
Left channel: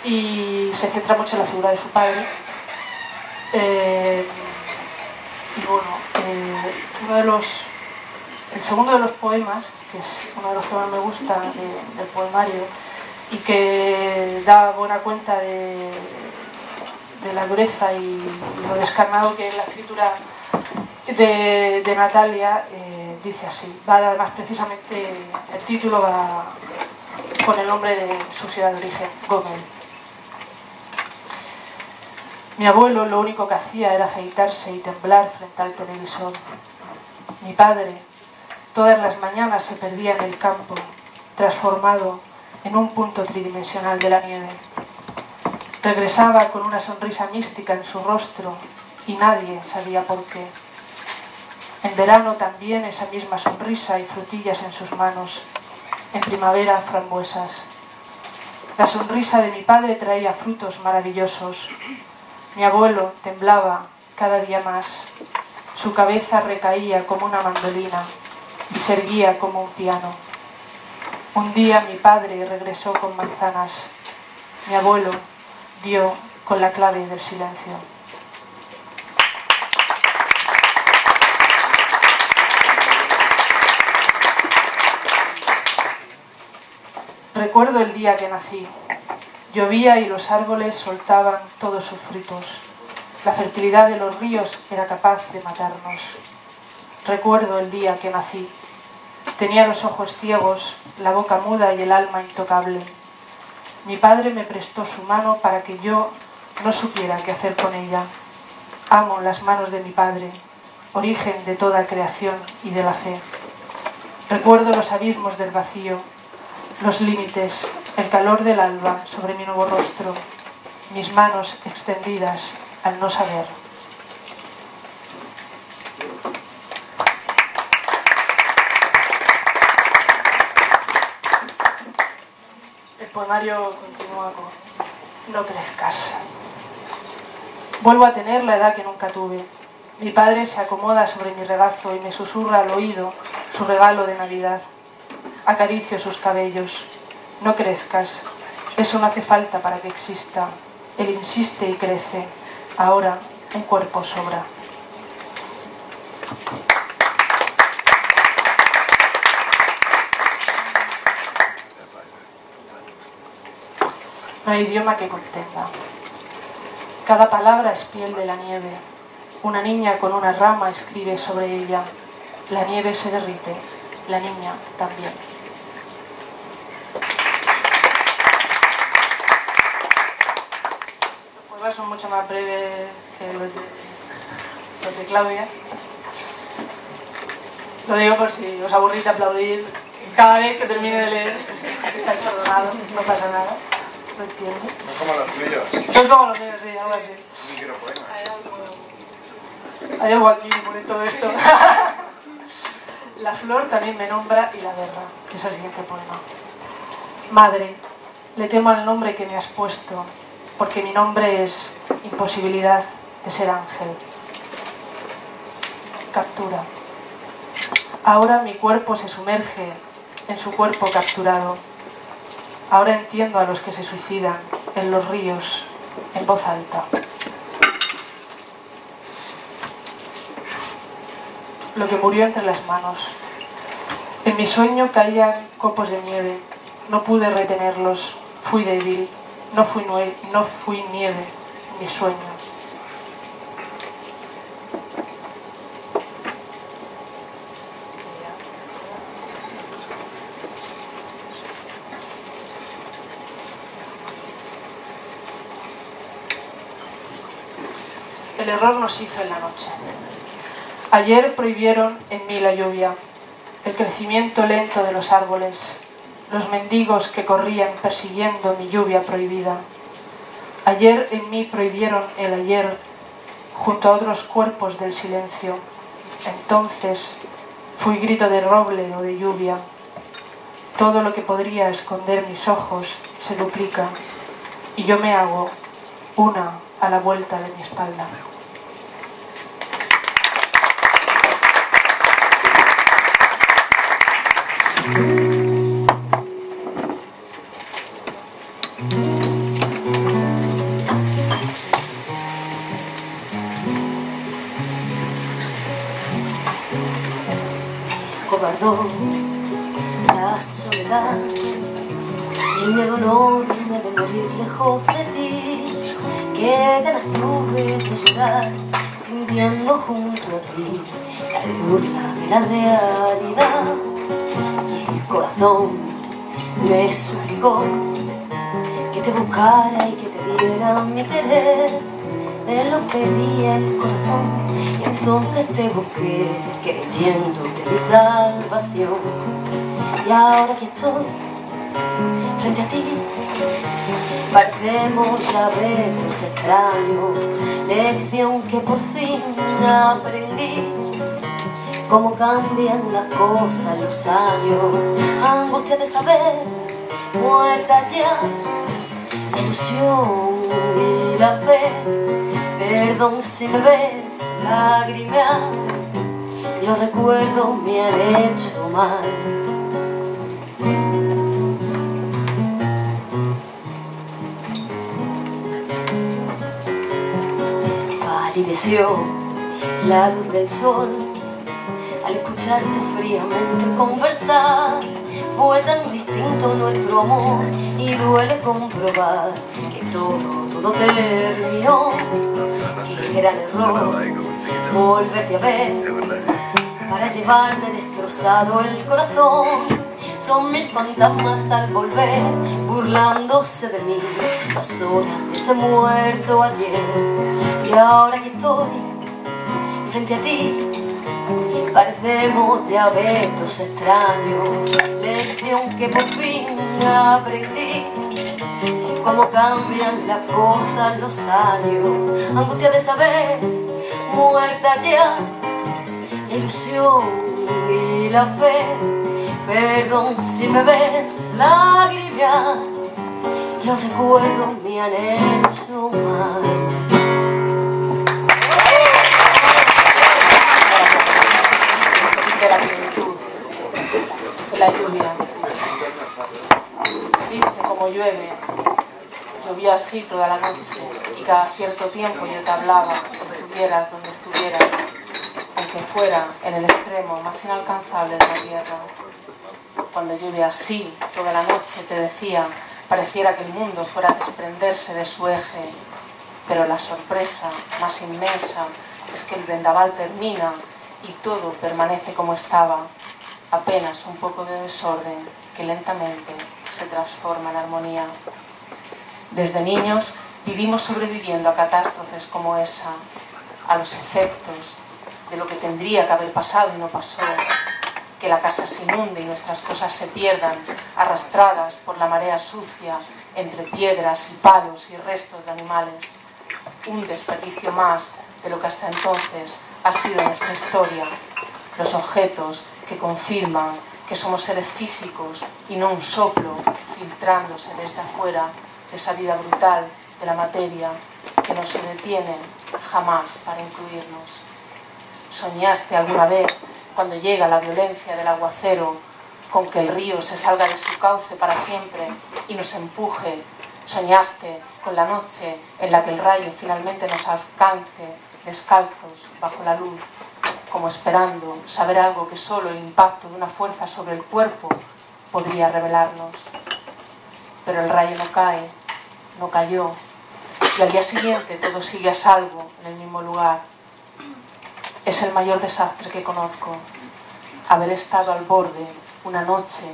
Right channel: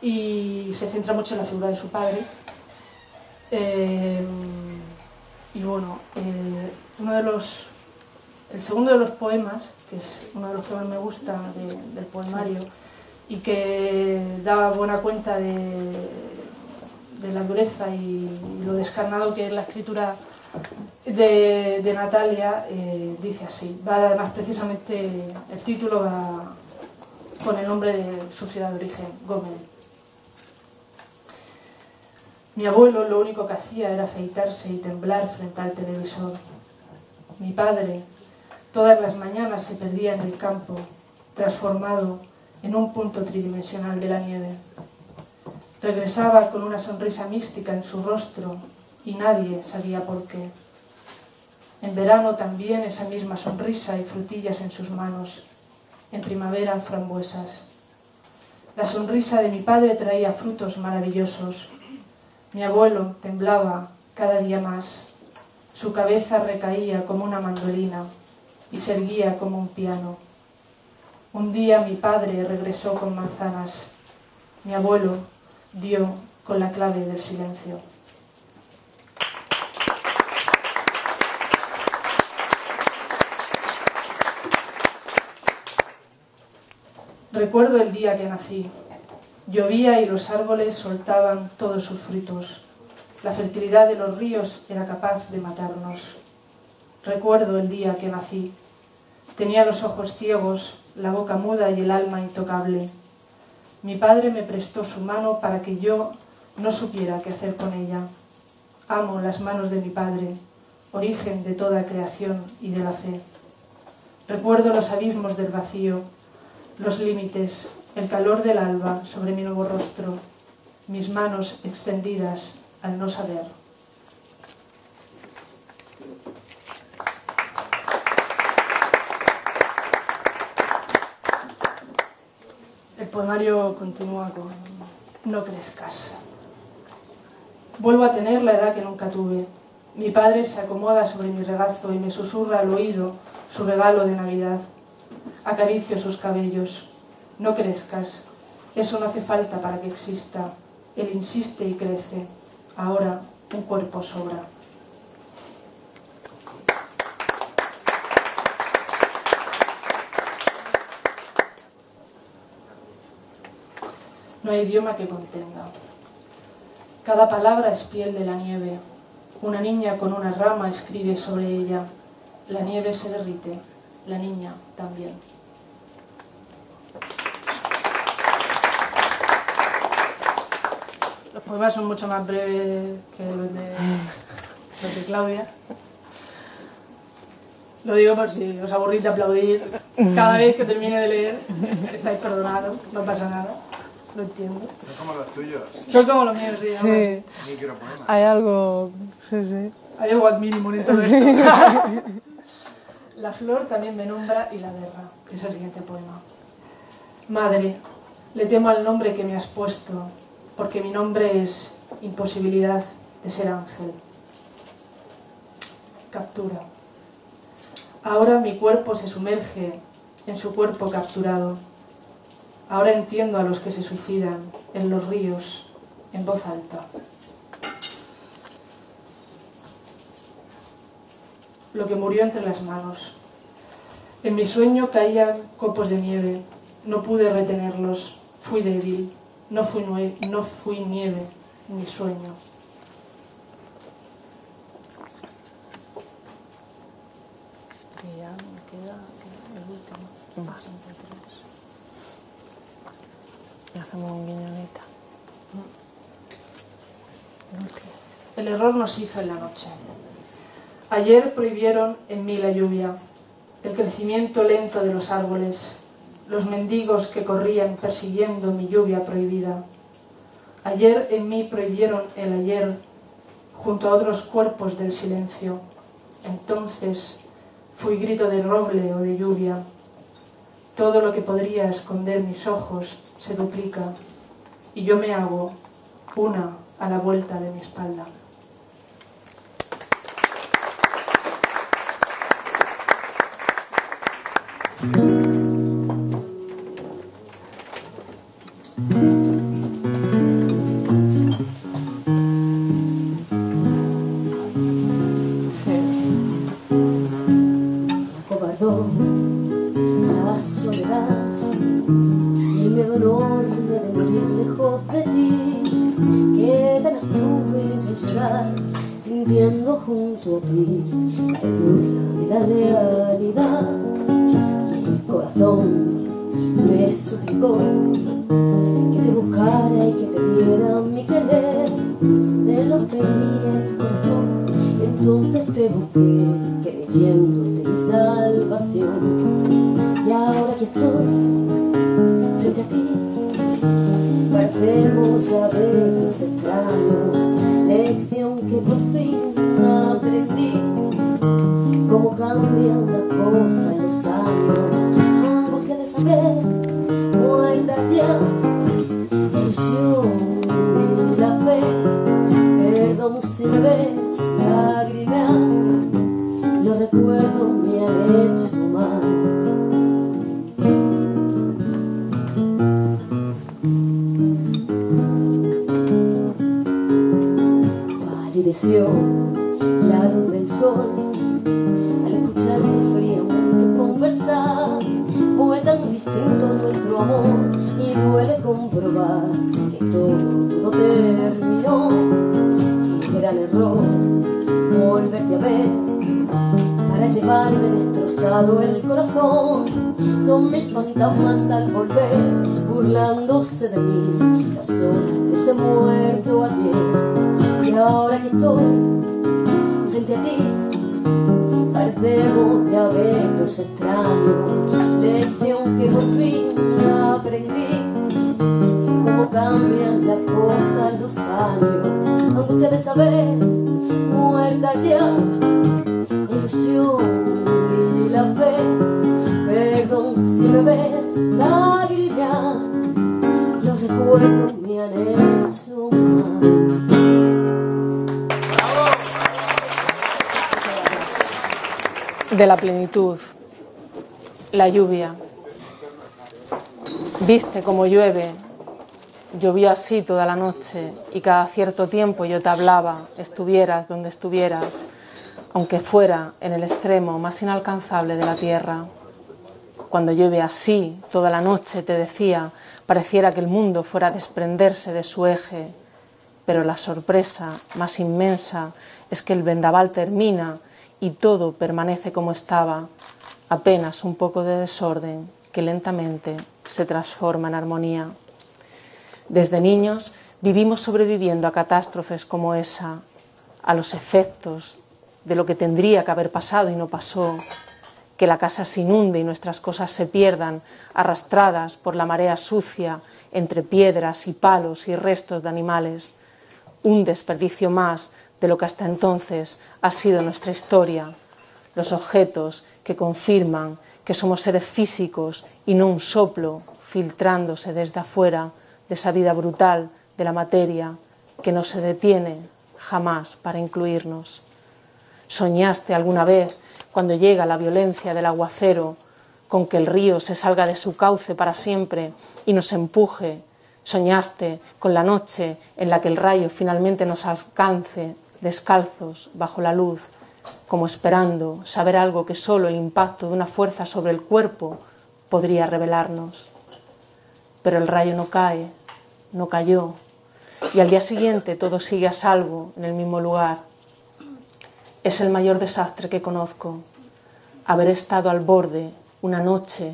y se centra mucho en la figura de su padre. Y bueno, el segundo de los poemas, que es uno de los que más me gusta del poemario y que da buena cuenta de la dureza y lo descarnado que es la escritura de Natalia, dice así. Va además precisamente, el título va con el nombre de su ciudad de origen, Gomel. Mi abuelo lo único que hacía era afeitarse y temblar frente al televisor. Mi padre todas las mañanas se perdía en el campo, transformado en un punto tridimensional de la nieve. Regresaba con una sonrisa mística en su rostro y nadie sabía por qué. En verano también esa misma sonrisa y frutillas en sus manos. En primavera frambuesas. La sonrisa de mi padre traía frutos maravillosos. Mi abuelo temblaba cada día más. Su cabeza recaía como una mandolina y se erguía como un piano. Un día mi padre regresó con manzanas. Mi abuelo dio con la clave del silencio. Recuerdo el día que nací. Llovía y los árboles soltaban todos sus frutos. La fertilidad de los ríos era capaz de matarnos. Recuerdo el día que nací. Tenía los ojos ciegos, la boca muda y el alma intocable. Mi padre me prestó su mano para que yo no supiera qué hacer con ella. Amo las manos de mi padre, origen de toda creación y de la fe. Recuerdo los abismos del vacío, los límites, el calor del alba sobre mi nuevo rostro, mis manos extendidas al no saber. El poemario continúa con: no crezcas. Vuelvo a tener la edad que nunca tuve. Mi padre se acomoda sobre mi regazo y me susurra al oído su regalo de Navidad. Acaricio sus cabellos. No crezcas. Eso no hace falta para que exista. Él insiste y crece. Ahora un cuerpo sobra. No hay idioma que contenga. Cada palabra es piel de la nieve. Una niña con una rama escribe sobre ella. La nieve se derrite, la niña también. Los poemas son mucho más breves que los de Claudia. Lo digo por si os aburrís de aplaudir cada vez que termine de leer. Estáis perdonados, no pasa nada. No entiendo. Son como los tuyos. Son como los míos, sí. Sí. Micropoemas. Hay algo... Sí, sí. Hay algo al mínimo en todo esto. La flor también me nombra y la guerra, que es el siguiente poema. Madre, le temo al nombre que me has puesto, porque mi nombre es imposibilidad de ser ángel. Captura. Ahora mi cuerpo se sumerge en su cuerpo capturado. Ahora entiendo a los que se suicidan en los ríos, en voz alta. Lo que murió entre las manos. En mi sueño caían copos de nieve. No pude retenerlos. Fui débil. No fui nieve, ni sueño. El error nos hizo en la noche. Ayer prohibieron en mí la lluvia, el crecimiento lento de los árboles, los mendigos que corrían persiguiendo mi lluvia prohibida. Ayer en mí prohibieron el ayer junto a otros cuerpos del silencio. Entonces fui grito de roble o de lluvia. Todo lo que podría esconder mis ojos se duplica y yo me hago una a la vuelta de mi espalda. Cobardó la soledad, el miedo enorme de morir lejos de ti. Qué ganas tuve de llorar sintiendo junto a ti la burla de la realidad. Y el corazón me suplicó que te buscara y que te diera mi querer. Me lo pedía el corazón y entonces te busqué, creyendo de mi salvación. Y ahora que estoy frente a ti, parecemos ya retos extraños, lección que por fin aprendí. Cómo cambian las cosas, los años, angustia de saber, muerta ya la ilusión y la fe. Perdón si me ves lagrimear, los recuerdos me han hecho mal. Palideció la luz del sol al escucharte fríamente conversar. Fue tan distinto nuestro amor y duele comprobar que todo terminó. Qué gran error volverte a ver para llevarme destrozado el corazón. Son mil fantasmas al volver burlándose de mí, las horas de ese muerto ayer. Y ahora que estoy frente a ti, Parecemos ya abetos extraños, lección que por fin aprendí. Cómo cambian las cosas, los años, angustia de saber, muerta ya, la ilusión y la fe. Perdón si me ves lágrima, los recuerdos me han hecho mal. De la plenitud, la lluvia. Viste como llueve, llovió así toda la noche y cada cierto tiempo yo te hablaba, estuvieras donde estuvieras, aunque fuera en el extremo más inalcanzable de la tierra. Cuando llueve así toda la noche, te decía, pareciera que el mundo fuera a desprenderse de su eje, pero la sorpresa más inmensa es que el vendaval termina y todo permanece como estaba, apenas un poco de desorden que lentamente se transforma en armonía. Desde niños vivimos sobreviviendo a catástrofes como esa, a los efectos de lo que tendría que haber pasado y no pasó, que la casa se inunde y nuestras cosas se pierdan, arrastradas por la marea sucia entre piedras y palos y restos de animales. Un desperdicio más de lo que hasta entonces ha sido nuestra historia, los objetos que confirman que somos seres físicos y no un soplo filtrándose desde afuera de esa vida brutal de la materia que no se detiene jamás para incluirnos. ¿Soñaste alguna vez, cuando llega la violencia del aguacero, con que el río se salga de su cauce para siempre y nos empuje? ¿Soñaste con la noche en la que el rayo finalmente nos alcance descalzos bajo la luz, como esperando saber algo que solo el impacto de una fuerza sobre el cuerpo podría revelarnos? Pero el rayo no cae, no cayó, y al día siguiente todo sigue a salvo en el mismo lugar. Es el mayor desastre que conozco, haber estado al borde una noche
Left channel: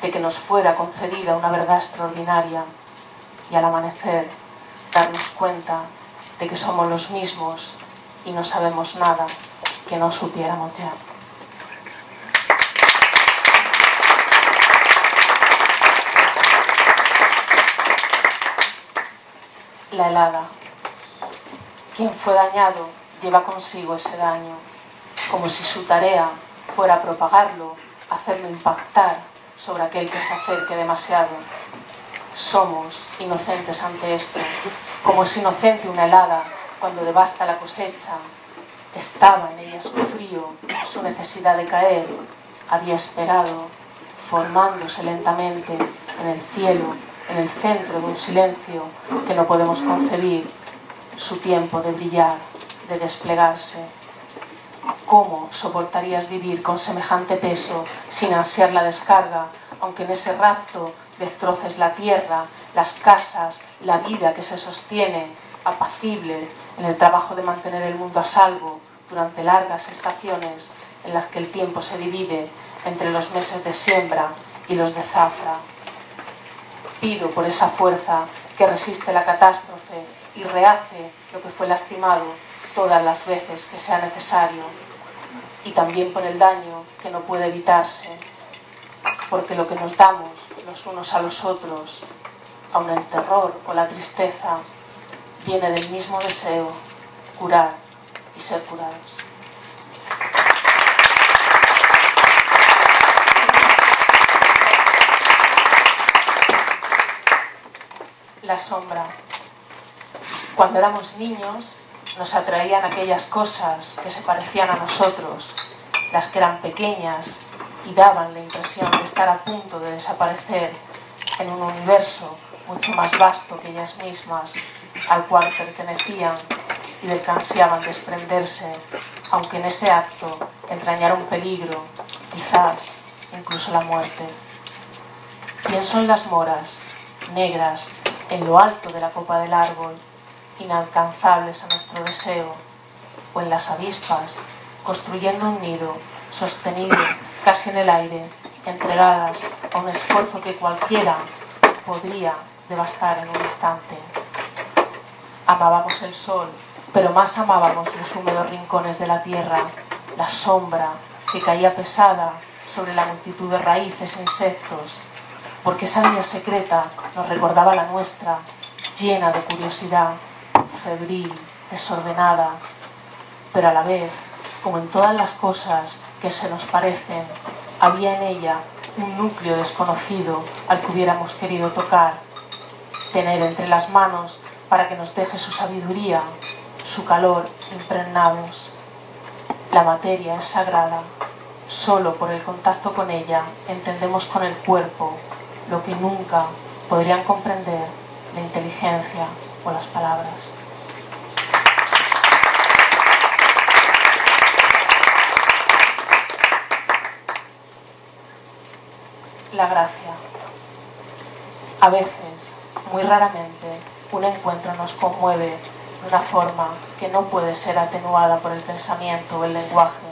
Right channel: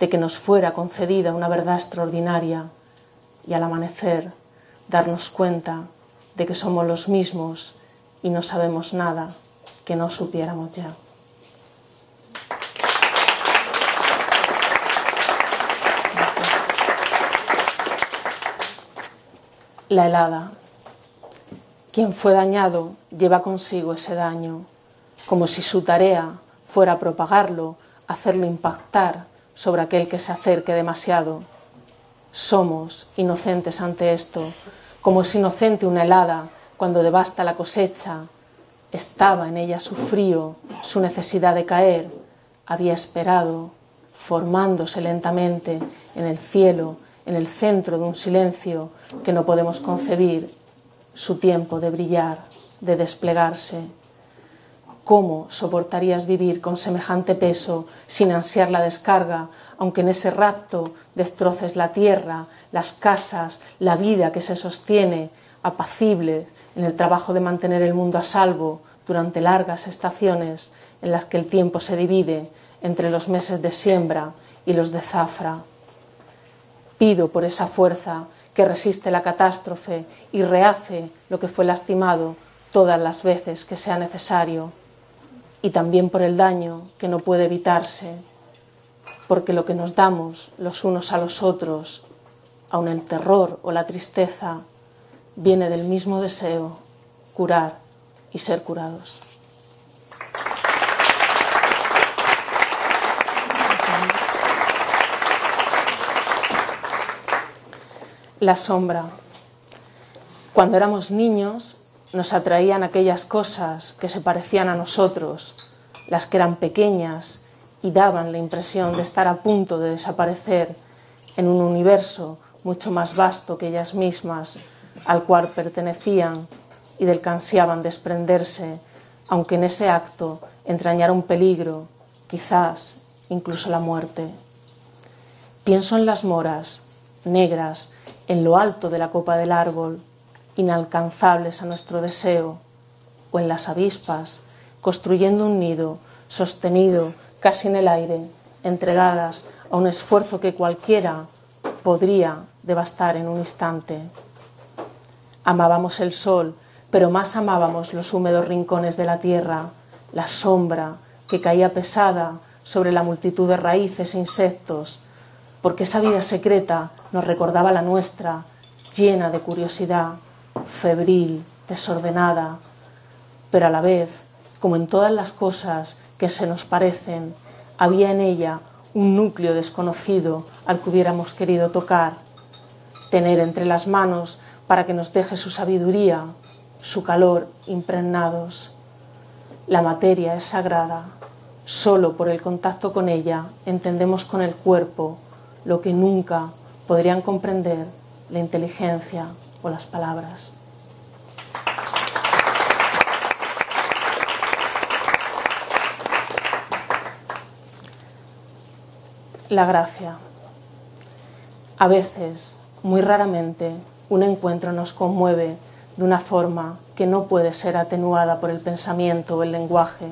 de que nos fuera concedida una verdad extraordinaria y al amanecer darnos cuenta de que somos los mismos y no sabemos nada que no supiéramos ya. La helada. Quien fue dañado lleva consigo ese daño, como si su tarea fuera propagarlo, hacerlo impactar sobre aquel que se acerque demasiado. Somos inocentes ante esto, como es inocente una helada cuando devasta la cosecha. Estaba en ella su frío, su necesidad de caer, había esperado, formándose lentamente en el cielo, en el centro de un silencio que no podemos concebir, su tiempo de brillar, de desplegarse. ¿Cómo soportarías vivir con semejante peso sin ansiar la descarga, aunque en ese rapto destroces la tierra, las casas, la vida que se sostiene, apacible, en el trabajo de mantener el mundo a salvo durante largas estaciones en las que el tiempo se divide entre los meses de siembra y los de zafra? Pido por esa fuerza que resiste la catástrofe y rehace lo que fue lastimado todas las veces que sea necesario, y también por el daño que no puede evitarse, porque lo que nos damos los unos a los otros, aun el terror o la tristeza, viene del mismo deseo, curar y ser curados. La sombra. Cuando éramos niños nos atraían aquellas cosas que se parecían a nosotros, las que eran pequeñas y daban la impresión de estar a punto de desaparecer en un universo mucho más vasto que ellas mismas, al cual pertenecían y del que ansiaban desprenderse, aunque en ese acto entrañara un peligro, quizás incluso la muerte. Pienso en las moras, negras, en lo alto de la copa del árbol, inalcanzables a nuestro deseo, o en las avispas, construyendo un nido, sostenido casi en el aire, entregadas a un esfuerzo que cualquiera podría devastar en un instante. Amábamos el sol, pero más amábamos los húmedos rincones de la tierra, la sombra, que caía pesada sobre la multitud de raíces e insectos, porque esa vida secreta nos recordaba la nuestra, llena de curiosidad, febril, desordenada, pero a la vez, como en todas las cosas que se nos parecen, había en ella un núcleo desconocido al que hubiéramos querido tocar, tener entre las manos para que nos deje su sabiduría, su calor impregnados. La materia es sagrada, solo por el contacto con ella entendemos con el cuerpo lo que nunca podrían comprender la inteligencia o las palabras. La gracia. A veces, muy raramente, un encuentro nos conmueve de una forma que no puede ser atenuada por el pensamiento o el lenguaje.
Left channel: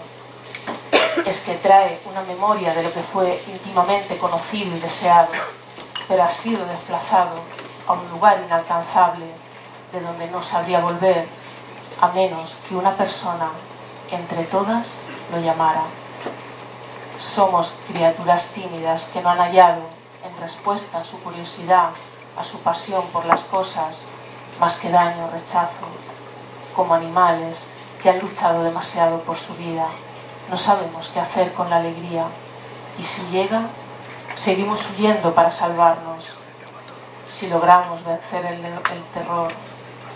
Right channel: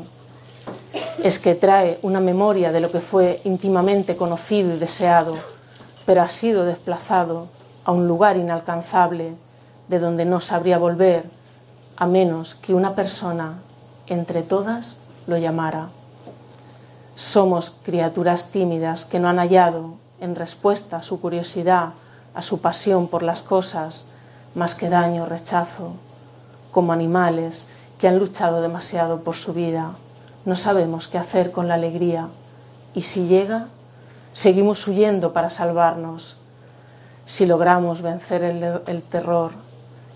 Es que trae una memoria de lo que fue íntimamente conocido y deseado, pero ha sido desplazado a un lugar inalcanzable, de donde no sabría volver, a menos que una persona, entre todas, lo llamara. Somos criaturas tímidas que no han hallado, en respuesta a su curiosidad, a su pasión por las cosas, más que daño o rechazo, como animales que han luchado demasiado por su vida. No sabemos qué hacer con la alegría, y si llega, seguimos huyendo para salvarnos. Si logramos vencer el terror,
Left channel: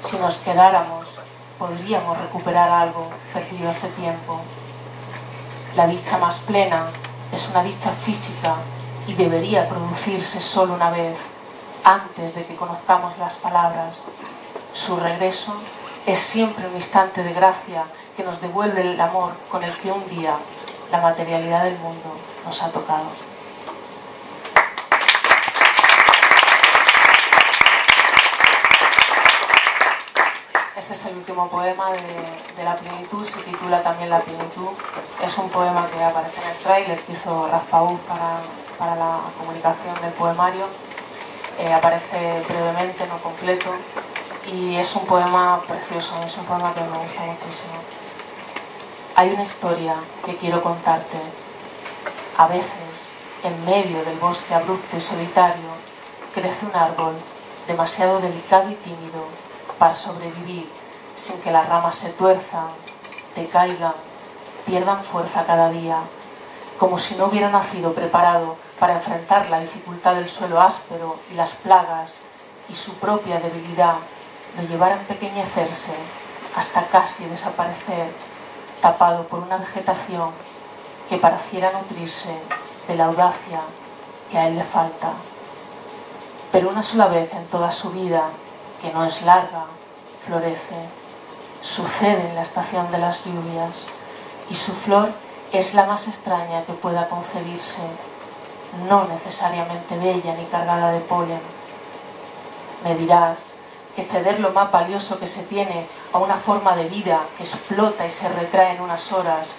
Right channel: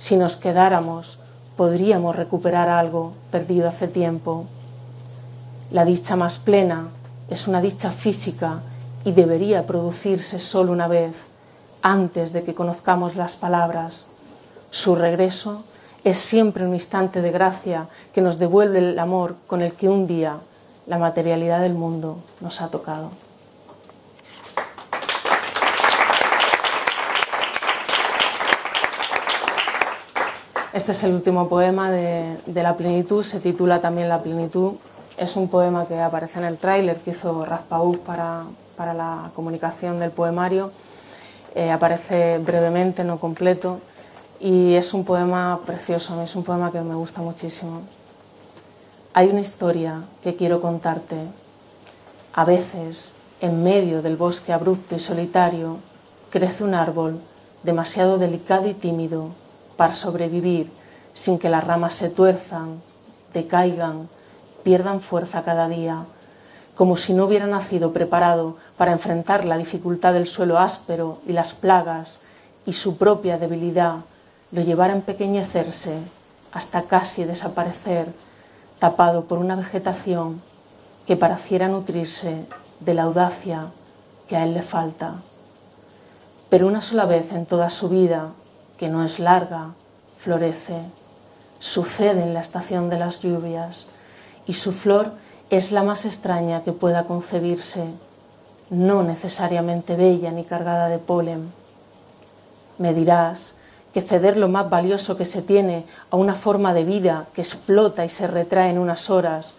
si nos quedáramos, podríamos recuperar algo perdido hace tiempo. La dicha más plena es una dicha física y debería producirse solo una vez, antes de que conozcamos las palabras. Su regreso es siempre un instante de gracia que nos devuelve el amor con el que un día la materialidad del mundo nos ha tocado. Este es el último poema de La Plenitud, se titula también La Plenitud. Es un poema que aparece en el tráiler que hizo Raspaús para la comunicación del poemario. Aparece brevemente, no completo, y es un poema precioso, es un poema que me gusta muchísimo. Hay una historia que quiero contarte. A veces, en medio del bosque abrupto y solitario, crece un árbol demasiado delicado y tímido para sobrevivir sin que las ramas se tuerzan, decaigan, pierdan fuerza cada día, como si no hubiera nacido preparado para enfrentar la dificultad del suelo áspero y las plagas, y su propia debilidad lo llevara a empequeñecerse hasta casi desaparecer, tapado por una vegetación que pareciera nutrirse de la audacia que a él le falta. Pero una sola vez en toda su vida, que no es larga, florece. Sucede en la estación de las lluvias, y su flor es la más extraña que pueda concebirse, no necesariamente bella ni cargada de polen. Me dirás que ceder lo más valioso que se tiene a una forma de vida que explota y se retrae en unas horas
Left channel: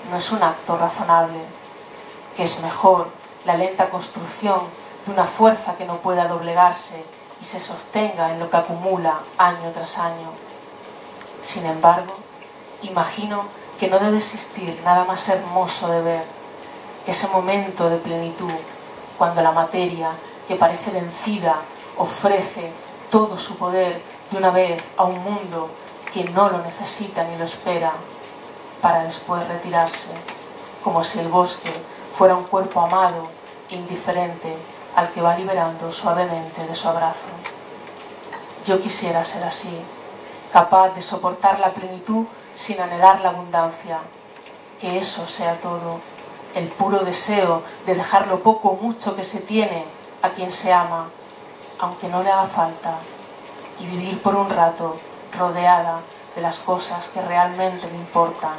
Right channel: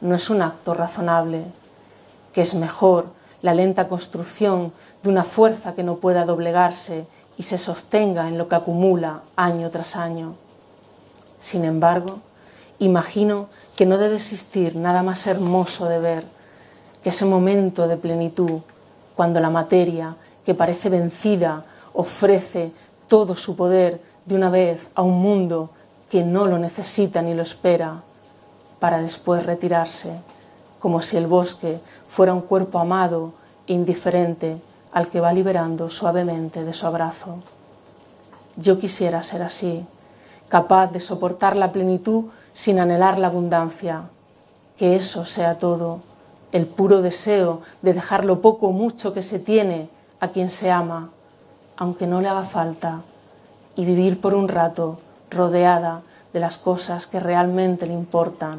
no es un acto razonable, que es mejor la lenta construcción de una fuerza que no pueda doblegarse y se sostenga en lo que acumula año tras año. Sin embargo, imagino que no debe existir nada más hermoso de ver que ese momento de plenitud, cuando la materia, que parece vencida, ofrece todo su poder de una vez a un mundo que no lo necesita ni lo espera, para después retirarse, como si el bosque fuera un cuerpo amado e indiferente al que va liberando suavemente de su abrazo. Yo quisiera ser así, capaz de soportar la plenitud sin anhelar la abundancia, que eso sea todo, el puro deseo de dejar lo poco o mucho que se tiene a quien se ama, aunque no le haga falta, y vivir por un rato rodeada de las cosas que realmente le importan,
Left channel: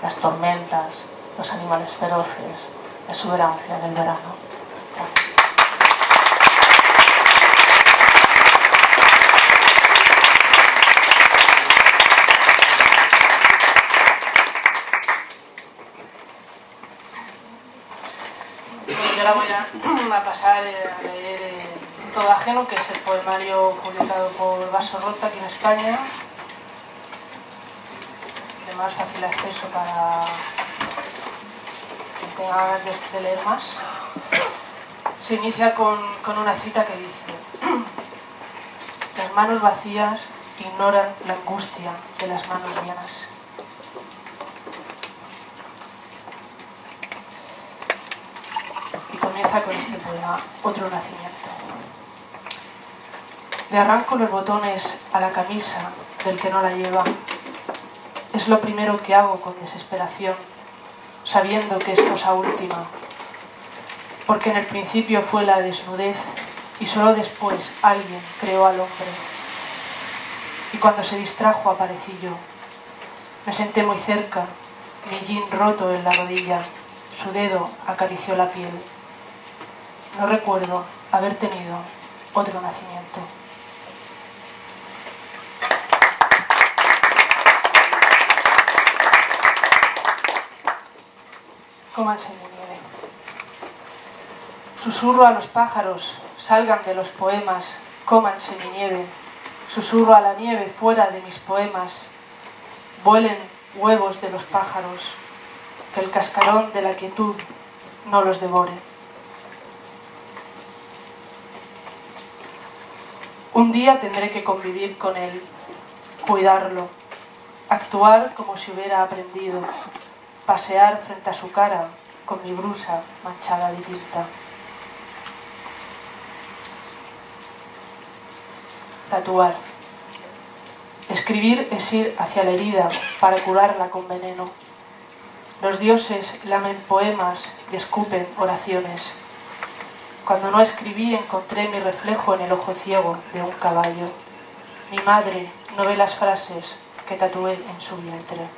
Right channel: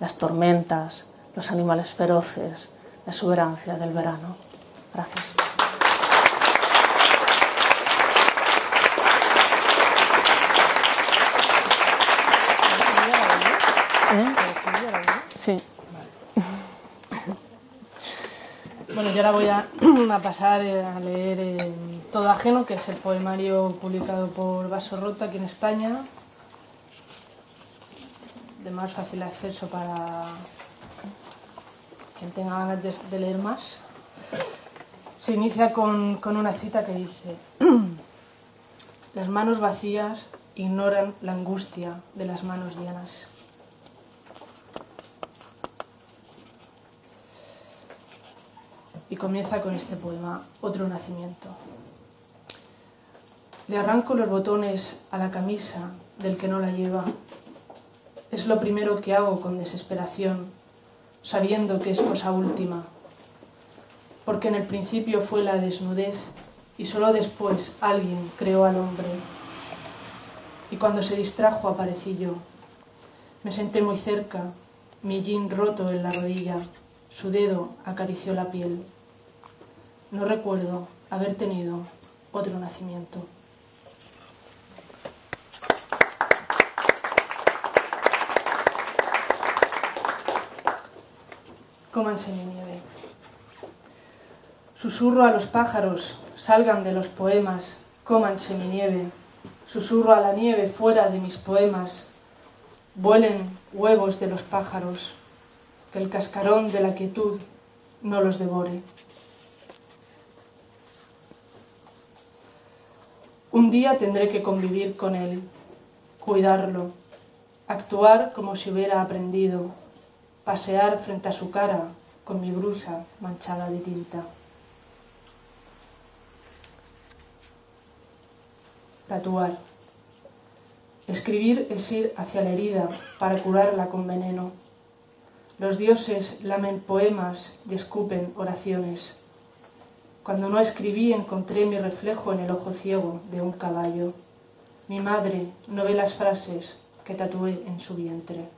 las tormentas, los animales feroces, la exuberancia del verano. Gracias. Sí. Bueno, yo ahora voy a pasar a leer Todo ajeno, que es el poemario publicado por Vaso Rota aquí en España, de más fácil acceso quien tenga ganas de leer más, se inicia con una cita que dice: las manos vacías ignoran la angustia de las manos llenas. Y comienza con este poema, Otro nacimiento. Le arranco los botones a la camisa del que no la lleva. Es lo primero que hago con desesperación, sabiendo que es cosa última. Porque en el principio fue la desnudez y solo después alguien creó al hombre. Y cuando se distrajo aparecí yo. Me senté muy cerca, mi jean roto en la rodilla, su dedo acarició la piel. No recuerdo haber tenido otro nacimiento. Cómanse mi nieve. Susurro a los pájaros, salgan de los poemas, cómanse mi nieve. Susurro a la nieve fuera de mis poemas, vuelen huevos de los pájaros, que el cascarón de la quietud no los devore. Un día tendré que convivir con él, cuidarlo, actuar como si hubiera aprendido, pasear frente a su cara con mi blusa manchada de tinta. Tatuar. Escribir es ir hacia la herida para curarla con veneno. Los dioses lamen poemas y escupen oraciones. Cuando no escribí encontré mi reflejo en el ojo ciego de un caballo. Mi madre no ve las frases que tatué en su vientre.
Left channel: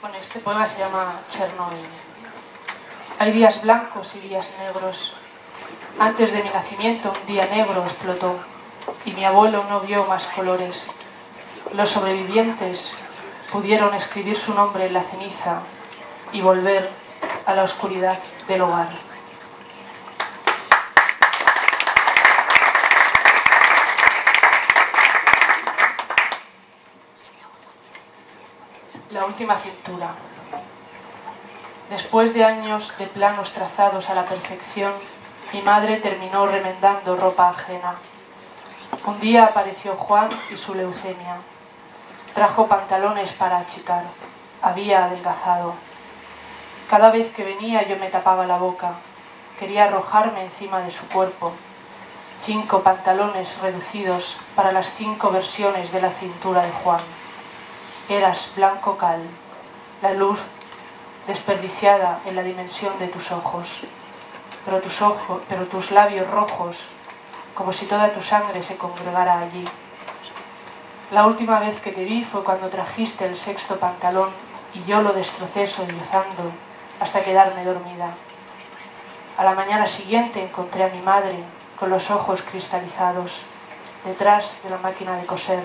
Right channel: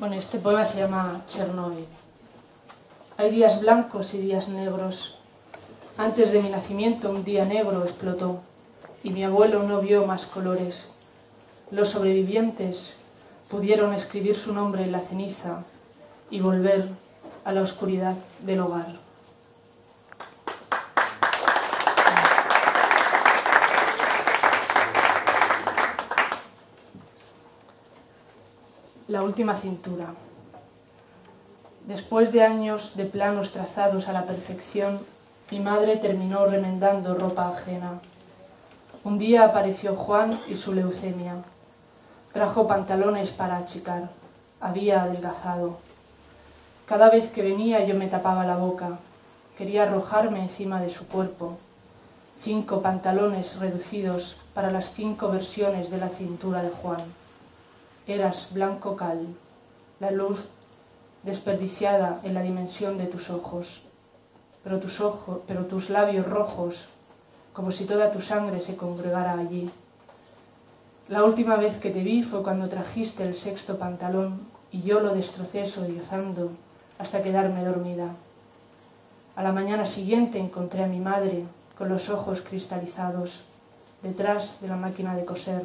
Bueno, este poema se llama Chernóbil. Hay días blancos y días negros. Antes de mi nacimiento un día negro explotó y mi abuelo no vio más colores. Los sobrevivientes pudieron escribir su nombre en la ceniza y volver a la oscuridad del hogar. La última cintura. Después de años de planos trazados a la perfección, mi madre terminó remendando ropa ajena. Un día apareció Juan y su leucemia. Trajo pantalones para achicar. Había adelgazado. Cada vez que venía yo me tapaba la boca. Quería arrojarme encima de su cuerpo. 5 pantalones reducidos para las 5 versiones de la cintura de Juan. Eras blanco cal, la luz desperdiciada en la dimensión de tus ojos, pero tus labios rojos, como si toda tu sangre se congregara allí. La última vez que te vi fue cuando trajiste el 6º pantalón y yo lo destrocé sollozando hasta quedarme dormida. A la mañana siguiente encontré a mi madre con los ojos cristalizados, detrás de la máquina de coser,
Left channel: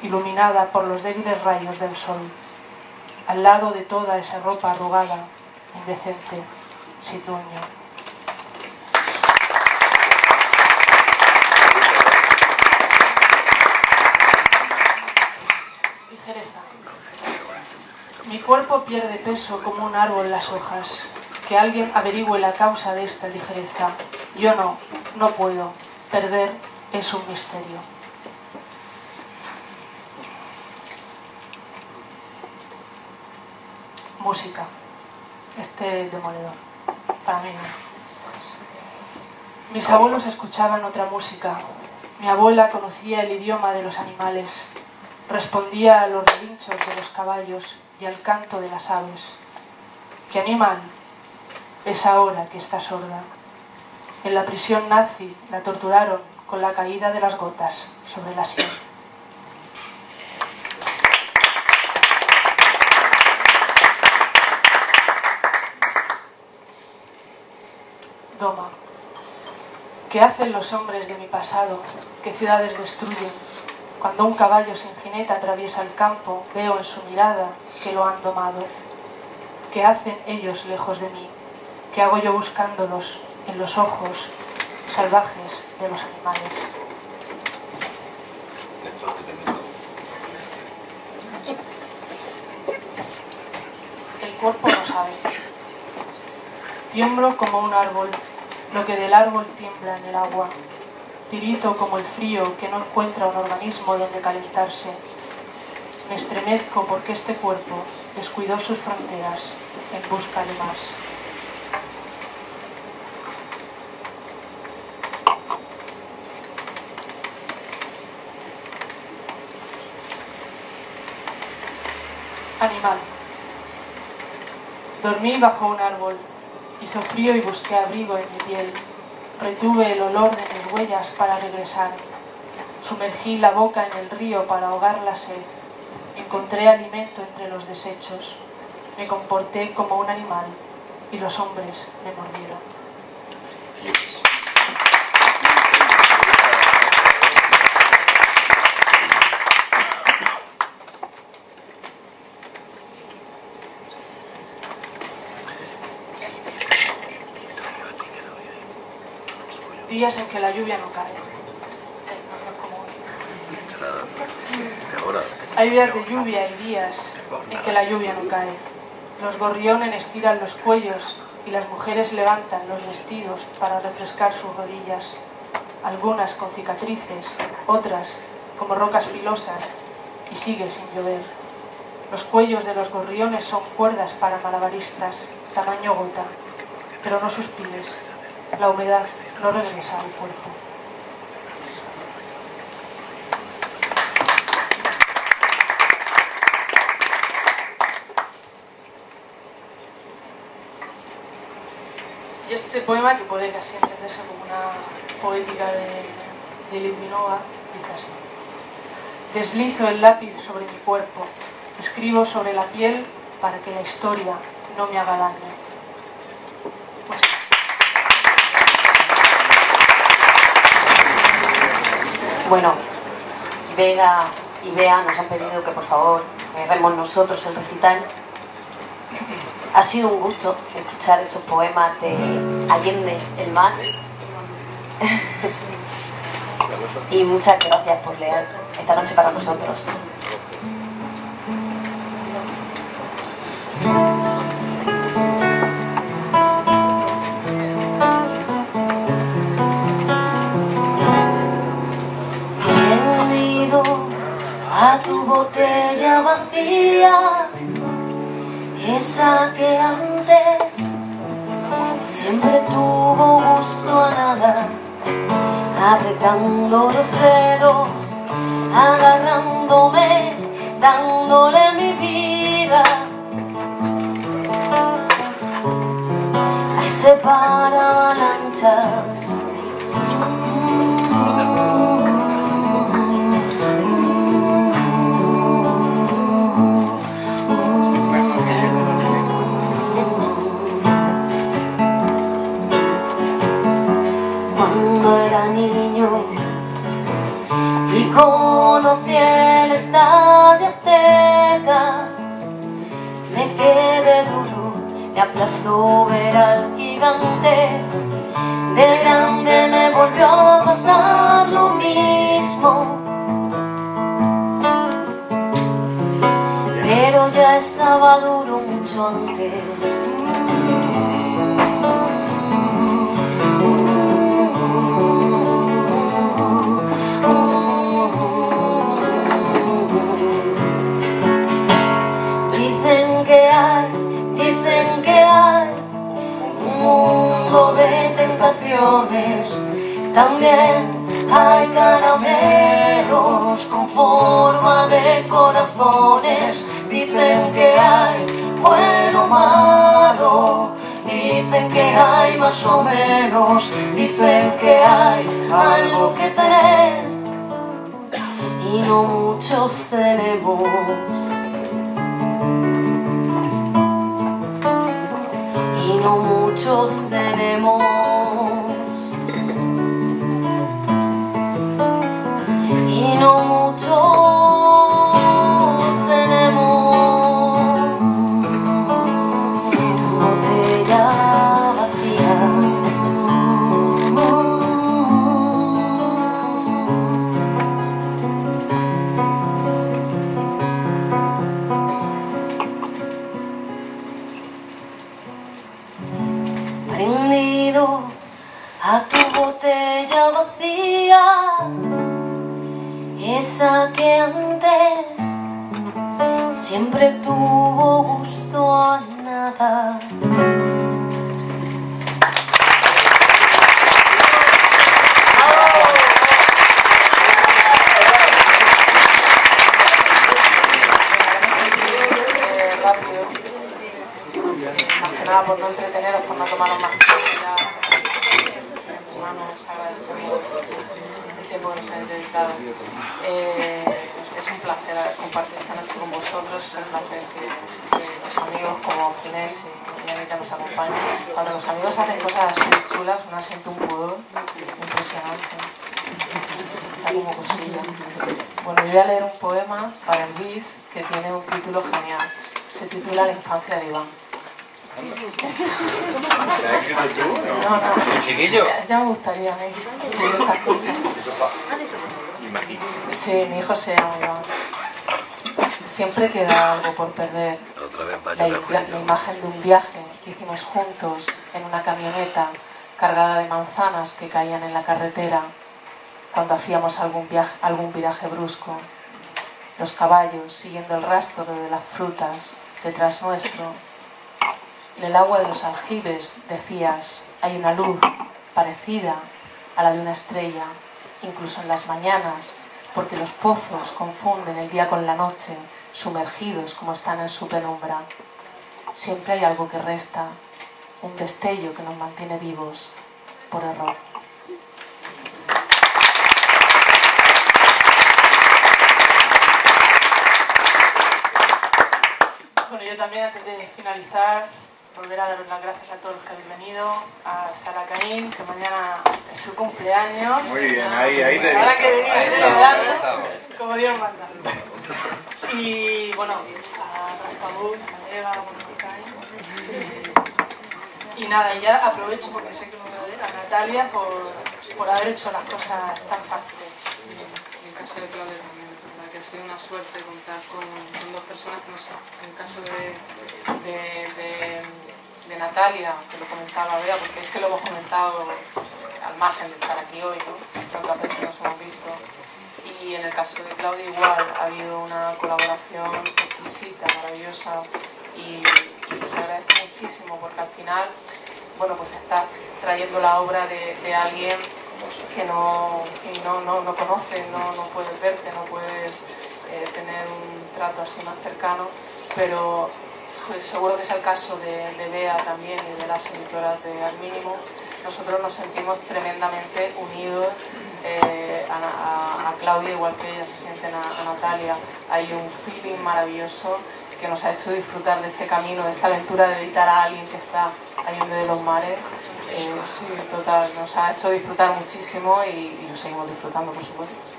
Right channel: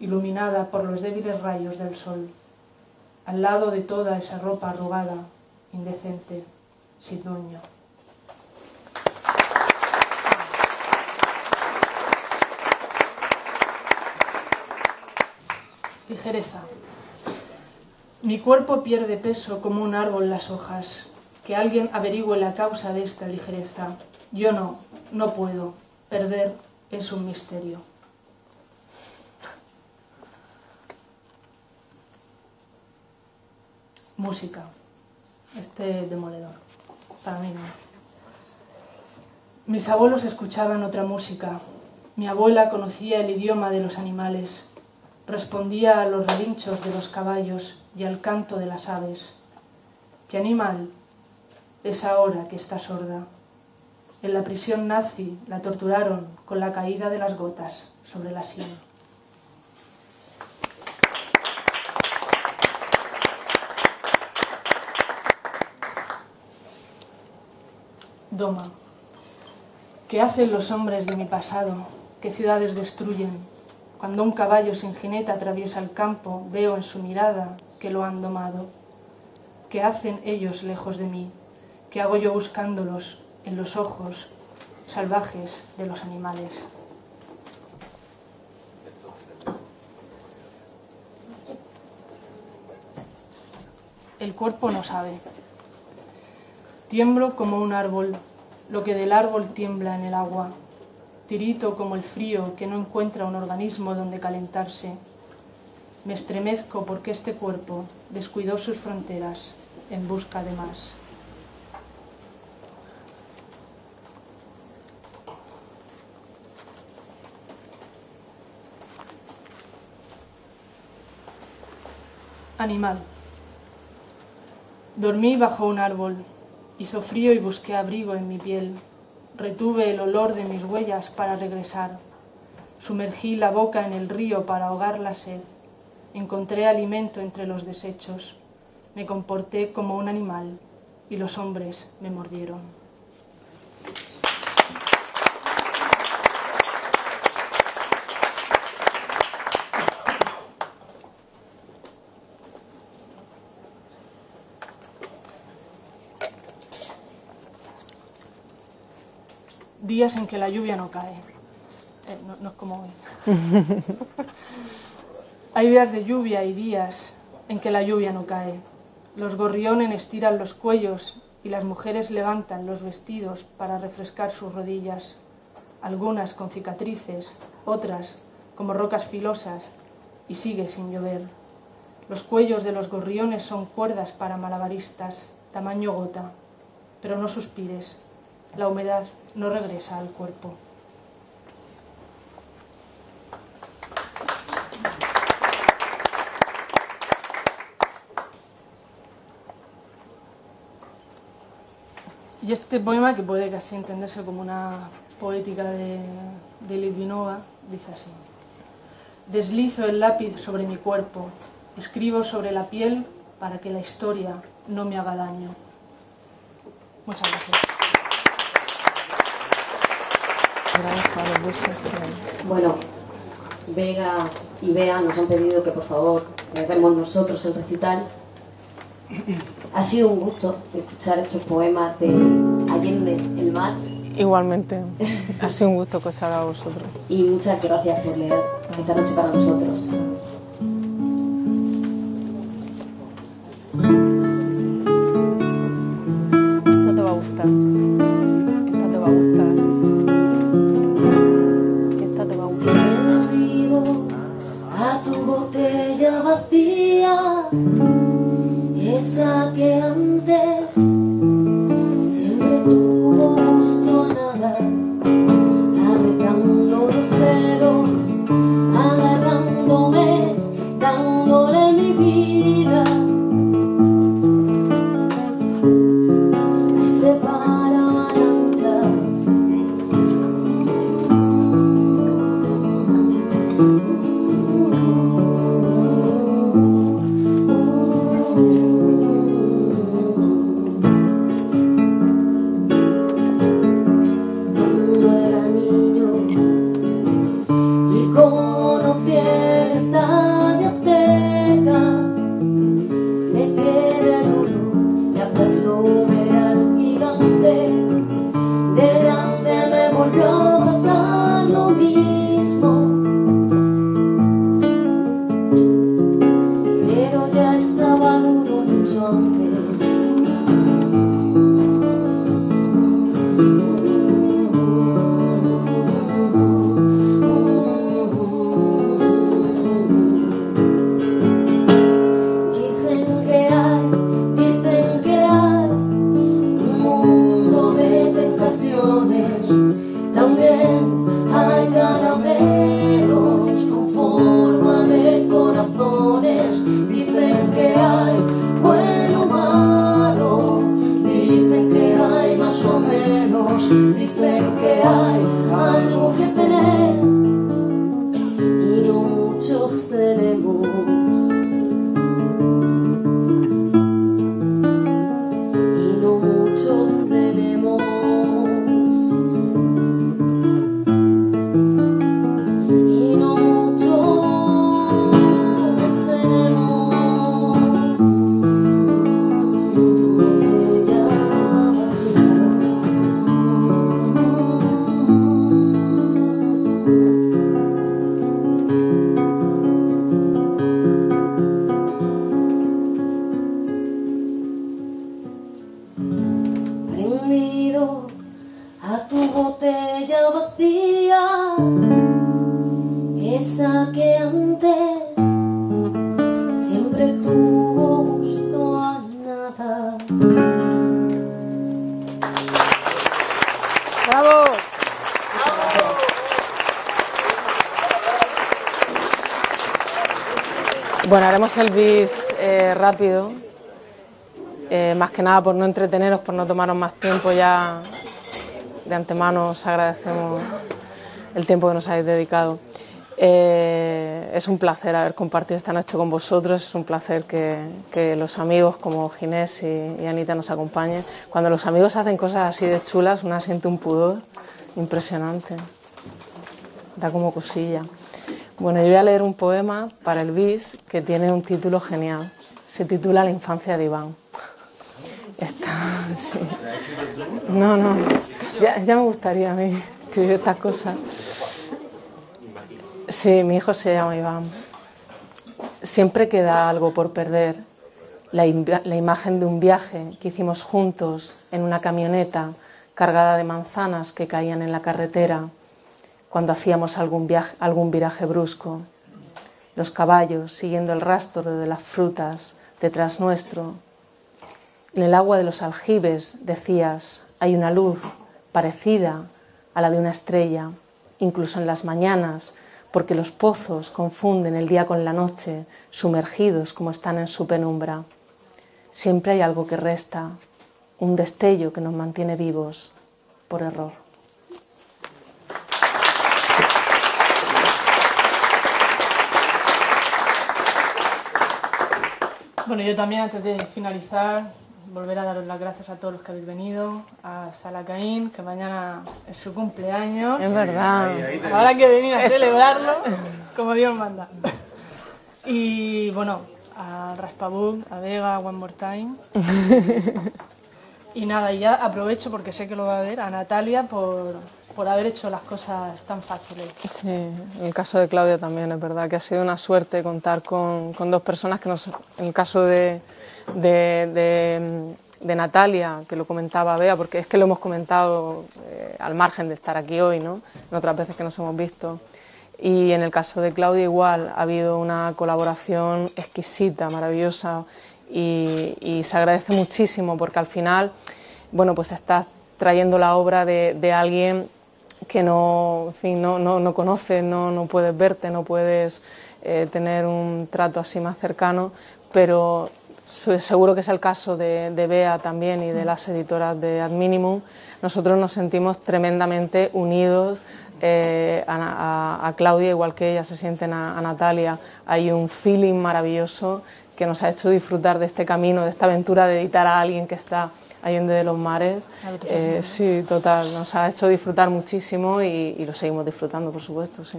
iluminada por los débiles rayos del sol, al lado de toda esa ropa arrugada, indecente, sin dueño. Ligereza. Mi cuerpo pierde peso como un árbol en las hojas. Que alguien averigüe la causa de esta ligereza. Yo no puedo. Perder es un misterio. Música. Demoledor. Para mí no. Mis abuelos escuchaban otra música. Mi abuela conocía el idioma de los animales. Respondía a los relinchos de los caballos y al canto de las aves. ¿Qué animal es ahora que está sorda? En la prisión nazi la torturaron con la caída de las gotas sobre la sien. Doma. ¿Qué hacen los hombres de mi pasado? ¿Qué ciudades destruyen? Cuando un caballo sin jinete atraviesa el campo, veo en su mirada que lo han domado. ¿Qué hacen ellos lejos de mí? ¿Qué hago yo buscándolos en los ojos salvajes de los animales? El cuerpo no sabe. Tiemblo como un árbol, lo que del árbol tiembla en el agua. Tirito como el frío que no encuentra un organismo donde calentarse. Me estremezco porque este cuerpo descuidó sus fronteras en busca de más. Animal. Dormí bajo un árbol. Hizo frío y busqué abrigo en mi piel. Retuve el olor de mis huellas para regresar. Sumergí la boca en el río para ahogar la sed. Encontré alimento entre los desechos. Me comporté como un animal y los hombres me mordieron. Días en que la lluvia no cae. No es como hoy. Hay días de lluvia y días en que la lluvia no cae. Los gorriones estiran los cuellos y las mujeres levantan los vestidos para refrescar sus rodillas, algunas con cicatrices, otras como rocas filosas, y sigue sin llover. Los cuellos de los gorriones son cuerdas para malabaristas, tamaño gota, pero no suspires. La humedad no regresa al cuerpo. Y este poema, que puede casi entenderse como una poética de Liudvikova, dice así: deslizo el lápiz sobre mi cuerpo, escribo sobre la piel para que la historia no me haga daño. Muchas gracias. Bueno, Vega y Bea nos han pedido que por favor cerremos nosotros el recital. Ha sido un gusto escuchar estos poemas de Allende el Mar. Igualmente, ha sido un gusto que os haya dado. Y muchas gracias por leer esta noche para nosotros. Botella vacía, esa que antes siempre tuvo gusto a nada, apretando los dedos, agarrándome, dándole mi vida a ese paravalanchas. Conocí el estadio Azteca, me quedé duro, me aplastó ver al gigante, de grande me volvió a pasar lo mismo, pero ya estaba duro mucho antes. También hay caramelos con forma de corazones. Dicen que hay bueno o malo, dicen que hay más o menos, dicen que hay algo que tener y no muchos tenemos. Y no muchos tenemos. piensa que antes siempre tuvo gusto a nada. Bueno, haremos el bis rápido, más que nada por no entreteneros, por no tomaros más tiempo. Ya de antemano os agradecemos el tiempo que nos habéis dedicado. Es un placer haber compartido esta noche con vosotros, es un placer que los amigos como Ginés y Anita nos acompañen. Cuando los amigos hacen cosas así de chulas, uno siente un pudor impresionante, da como cosilla. Bueno, yo voy a leer un poema para el bis que tiene un título genial, se titula La infancia de Iván. ¿Lo has escrito tú? No, ya me gustaría a mí escribir estas cosas. Sí, mi hijo se llama Iván. Siempre queda algo por perder. La imagen de un viaje que hicimos juntos en una camioneta cargada de manzanas que caían en la carretera cuando hacíamos algún viraje brusco. Los caballos siguiendo el rastro de las frutas detrás nuestro. En el agua de los aljibes, decías, hay una luz parecida a la de una estrella, incluso en las mañanas, porque los pozos confunden el día con la noche, sumergidos como están en su penumbra. Siempre hay algo que resta, un destello que nos mantiene vivos, por error. Bueno, yo también, antes de finalizar, volver a daros las gracias a todos los que habéis venido, a Sara Caín, que mañana es su cumpleaños. Es verdad. Ahora que venía celebrando, como Dios manda. Y bueno, a Rascabul, a Vega, One More Time. Y nada, y ya aprovecho, porque sé que lo va a ver, a Natalia por haber hecho las cosas tan fáciles. Sí, en el caso de Claudia también, es verdad que ha sido una suerte contar con dos personas que nos, en el caso de Natalia, que lo comentaba Bea, porque es que lo hemos comentado al margen de estar aquí hoy, ¿no? En otras veces que nos hemos visto. Y en el caso de Claudia igual, ha habido una colaboración exquisita, maravillosa, y se agradece muchísimo porque al final, bueno, pues estás trayendo la obra de alguien que no, en fin, no conoces, no puedes verte, no puedes tener un trato así más cercano, pero seguro que es el caso de Bea también y de las editoras de Ad Minimum. Nosotros nos sentimos tremendamente unidos a Claudia, igual que ellas se sienten a Natalia. Hay un feeling maravilloso que nos ha hecho disfrutar de este camino, de esta aventura de editar a alguien que está Allende de los Mares. Sí, total, nos ha hecho disfrutar muchísimo y lo seguimos disfrutando, por supuesto. Sí.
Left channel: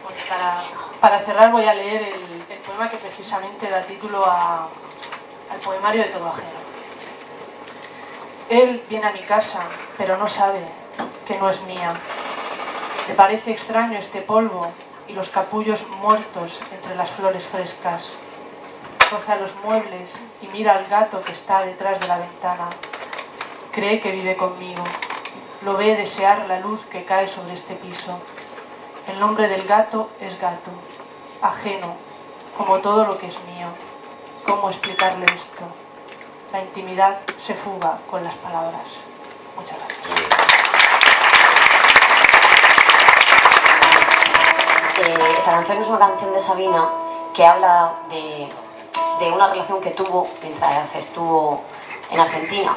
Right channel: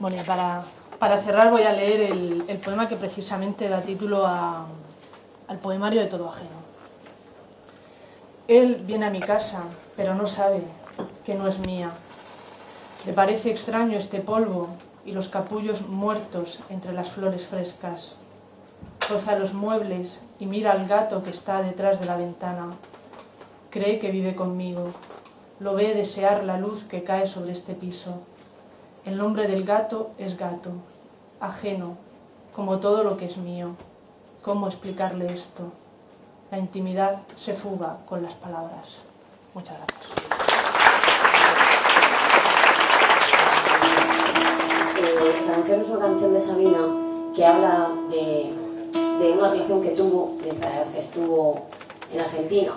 Bueno, y para cerrar voy a leer el poema que precisamente da título al poemario de Todo Ajeno. Él viene a mi casa, pero no sabe que no es mía. Le parece extraño este polvo y los capullos muertos entre las flores frescas. Roza los muebles y mira al gato que está detrás de la ventana. Cree que vive conmigo. Lo ve desear la luz que cae sobre este piso. El nombre del gato es gato, ajeno, como todo lo que es mío. ¿Cómo explicarle esto? La intimidad se fuga con las palabras. Muchas gracias. Esta canción es una canción de Sabina que habla de una relación que tuvo mientras estuvo en Argentina.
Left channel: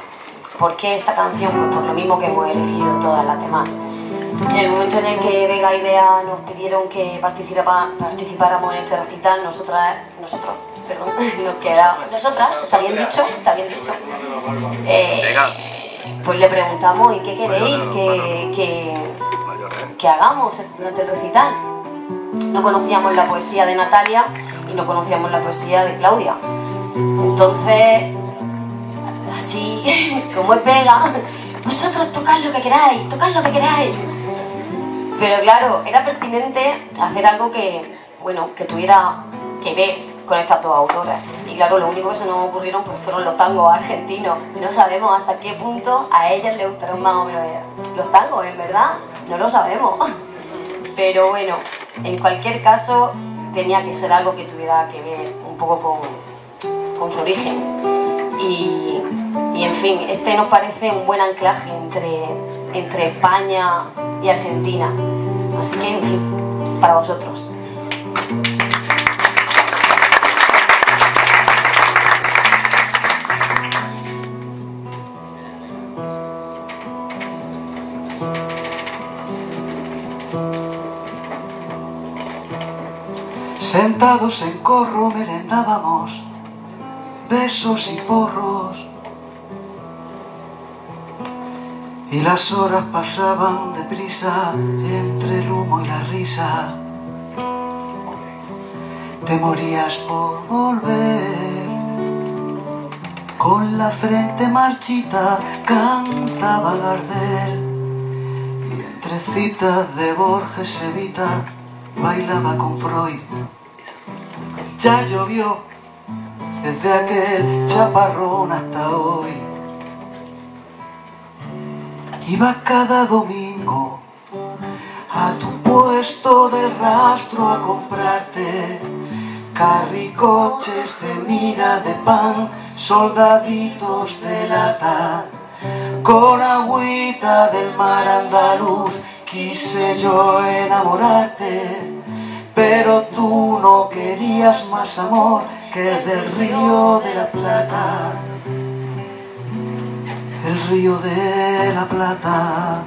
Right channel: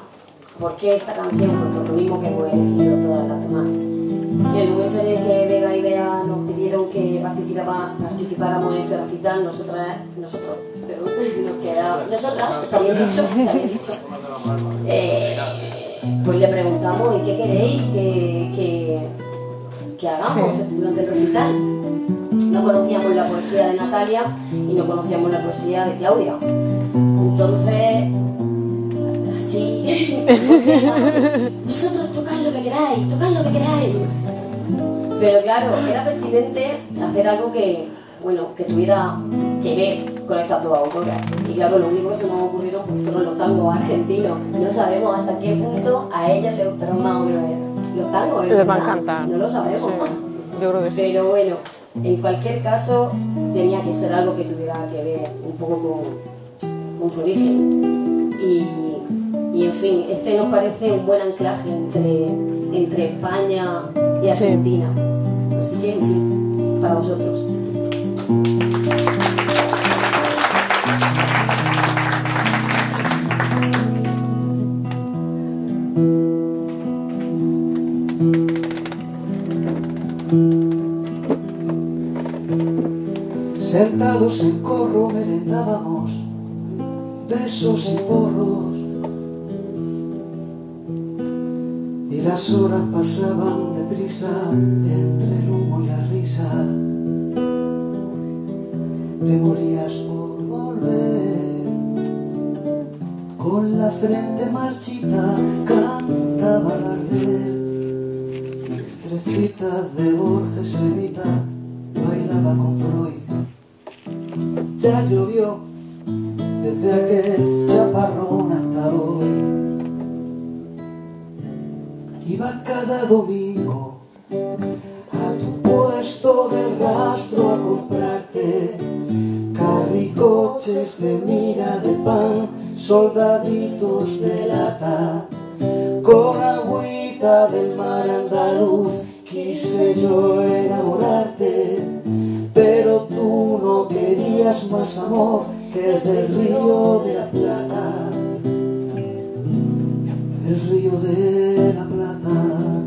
¿Por qué esta canción? Pues por lo mismo que hemos elegido todas las demás. En el momento en el que Vega y Bea nos pidieron que participáramos en este recital, nosotras, está bien dicho, pues le preguntamos, ¿y qué queréis que hagamos durante el recital? No conocíamos la poesía de Natalia y no conocíamos la poesía de Claudia. Entonces, así, como es Vega, vosotros tocad lo que queráis, Pero claro, era pertinente hacer algo que tuviera que ver con estas dos autoras. Y claro, lo único que se nos ocurrieron pues fueron los tangos argentinos. No sabemos hasta qué punto a ellas les gustaron más o menos los tangos, ¿es verdad? No lo sabemos. Yo creo que sí. Pero bueno, En cualquier caso, tenía que ser algo que tuviera que ver un poco con su origen. Y en fin, este nos parece un buen anclaje entre España y Argentina. Así que, en fin, para vosotros. Sentados en corro merendábamos besos y porros, y las horas pasaban deprisa entre el humo y la risa. Te morías por volver, con la frente marchita cantaba Gardel, y entre citas de Borges Evita bailaba con Freud. Ya llovió desde aquel chaparrón hasta hoy. Iba cada domingo a tu puesto de rastro a comprarte carricoches de miga de pan, soldaditos de lata, con agüita del mar andaluz. Quise yo enamorarte, pero tú no querías más amor que el del Río de la Plata. El Río de la Plata.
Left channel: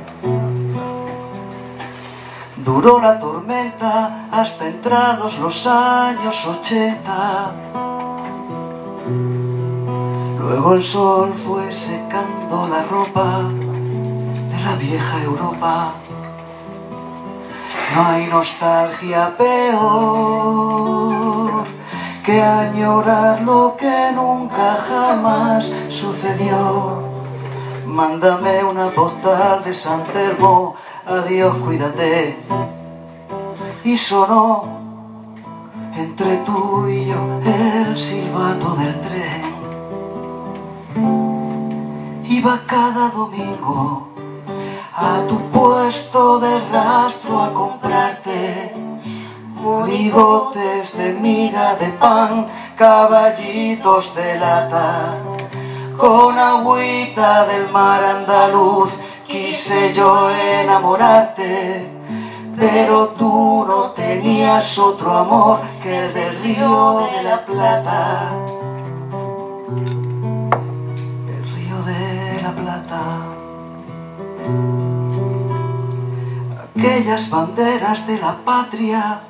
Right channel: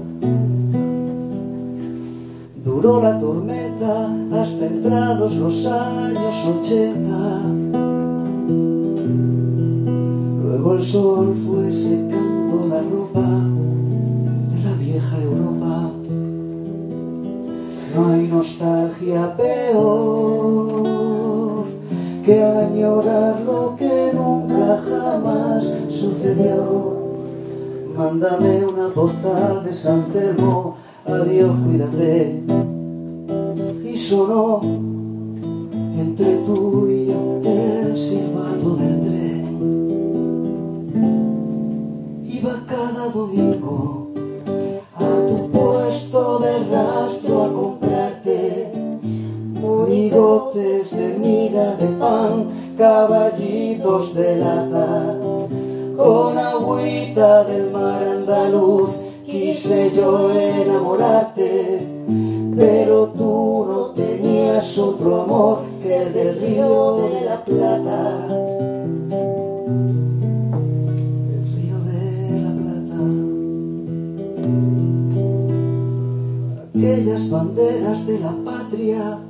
Duró la tormenta hasta entrados los años 80. Luego el sol fue secando la ropa de la vieja Europa. No hay nostalgia peor que añorar lo que nunca jamás sucedió. Mándame una postal de San Telmo, adiós, cuídate. Y sonó entre tú y yo el silbato del tren. Iba cada domingo a tu puesto de rastro a comprarte monigotes de miga de pan, caballitos de lata, con agüita del mar andaluz. Quise yo enamorarte, pero tú no tenías otro amor que el del Río de la Plata. El Río de la Plata. Aquellas banderas de la patria,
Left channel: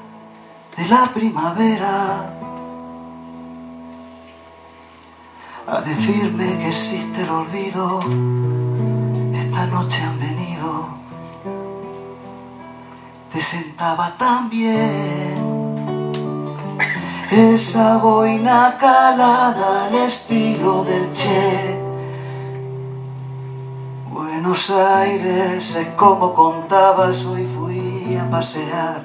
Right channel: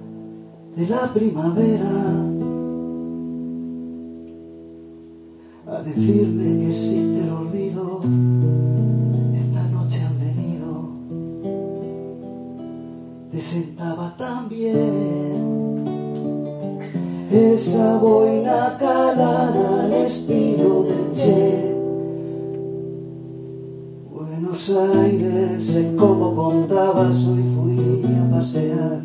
de la primavera, a decirme que existe el olvido, esta noche han venido. Te sentaba tan bien esa boina calada al estilo del Che. Buenos Aires es como contabas, hoy fui a pasear,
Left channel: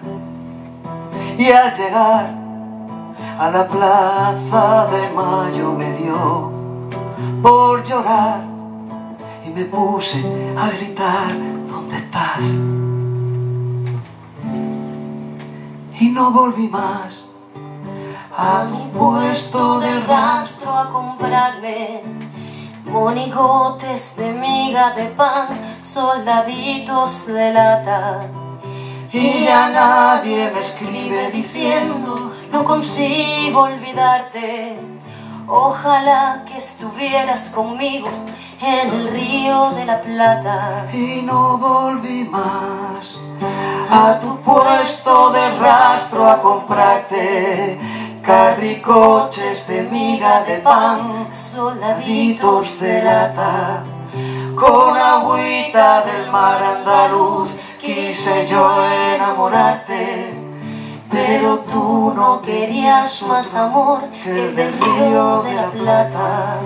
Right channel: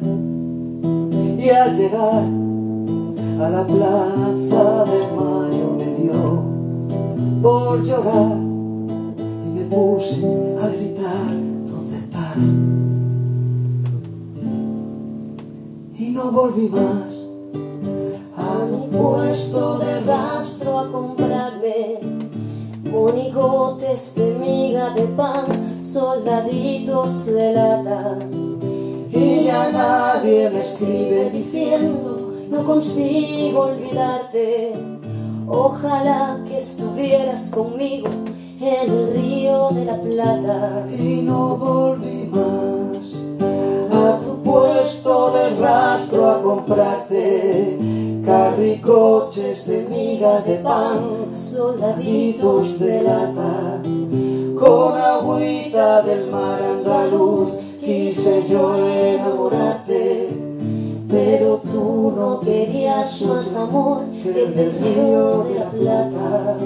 y al llegar a la Plaza de Mayo me dio por llorar y me puse a gritar: ¿dónde estás? Y no volví más a tu puesto de rastro a comprarme monigotes de miga de pan, soldaditos de lata. Y ya nadie me escribe diciendo: no consigo olvidarte. Ojalá que estuvieras conmigo en el Río de la Plata. Y no volví más a tu puesto de rastro a comprarte carricoches de miga de pan, soldaditos de lata, con agüita del mar andaluz. Quise yo enamorarte, pero tú no querías más amor que el del Río de la Plata.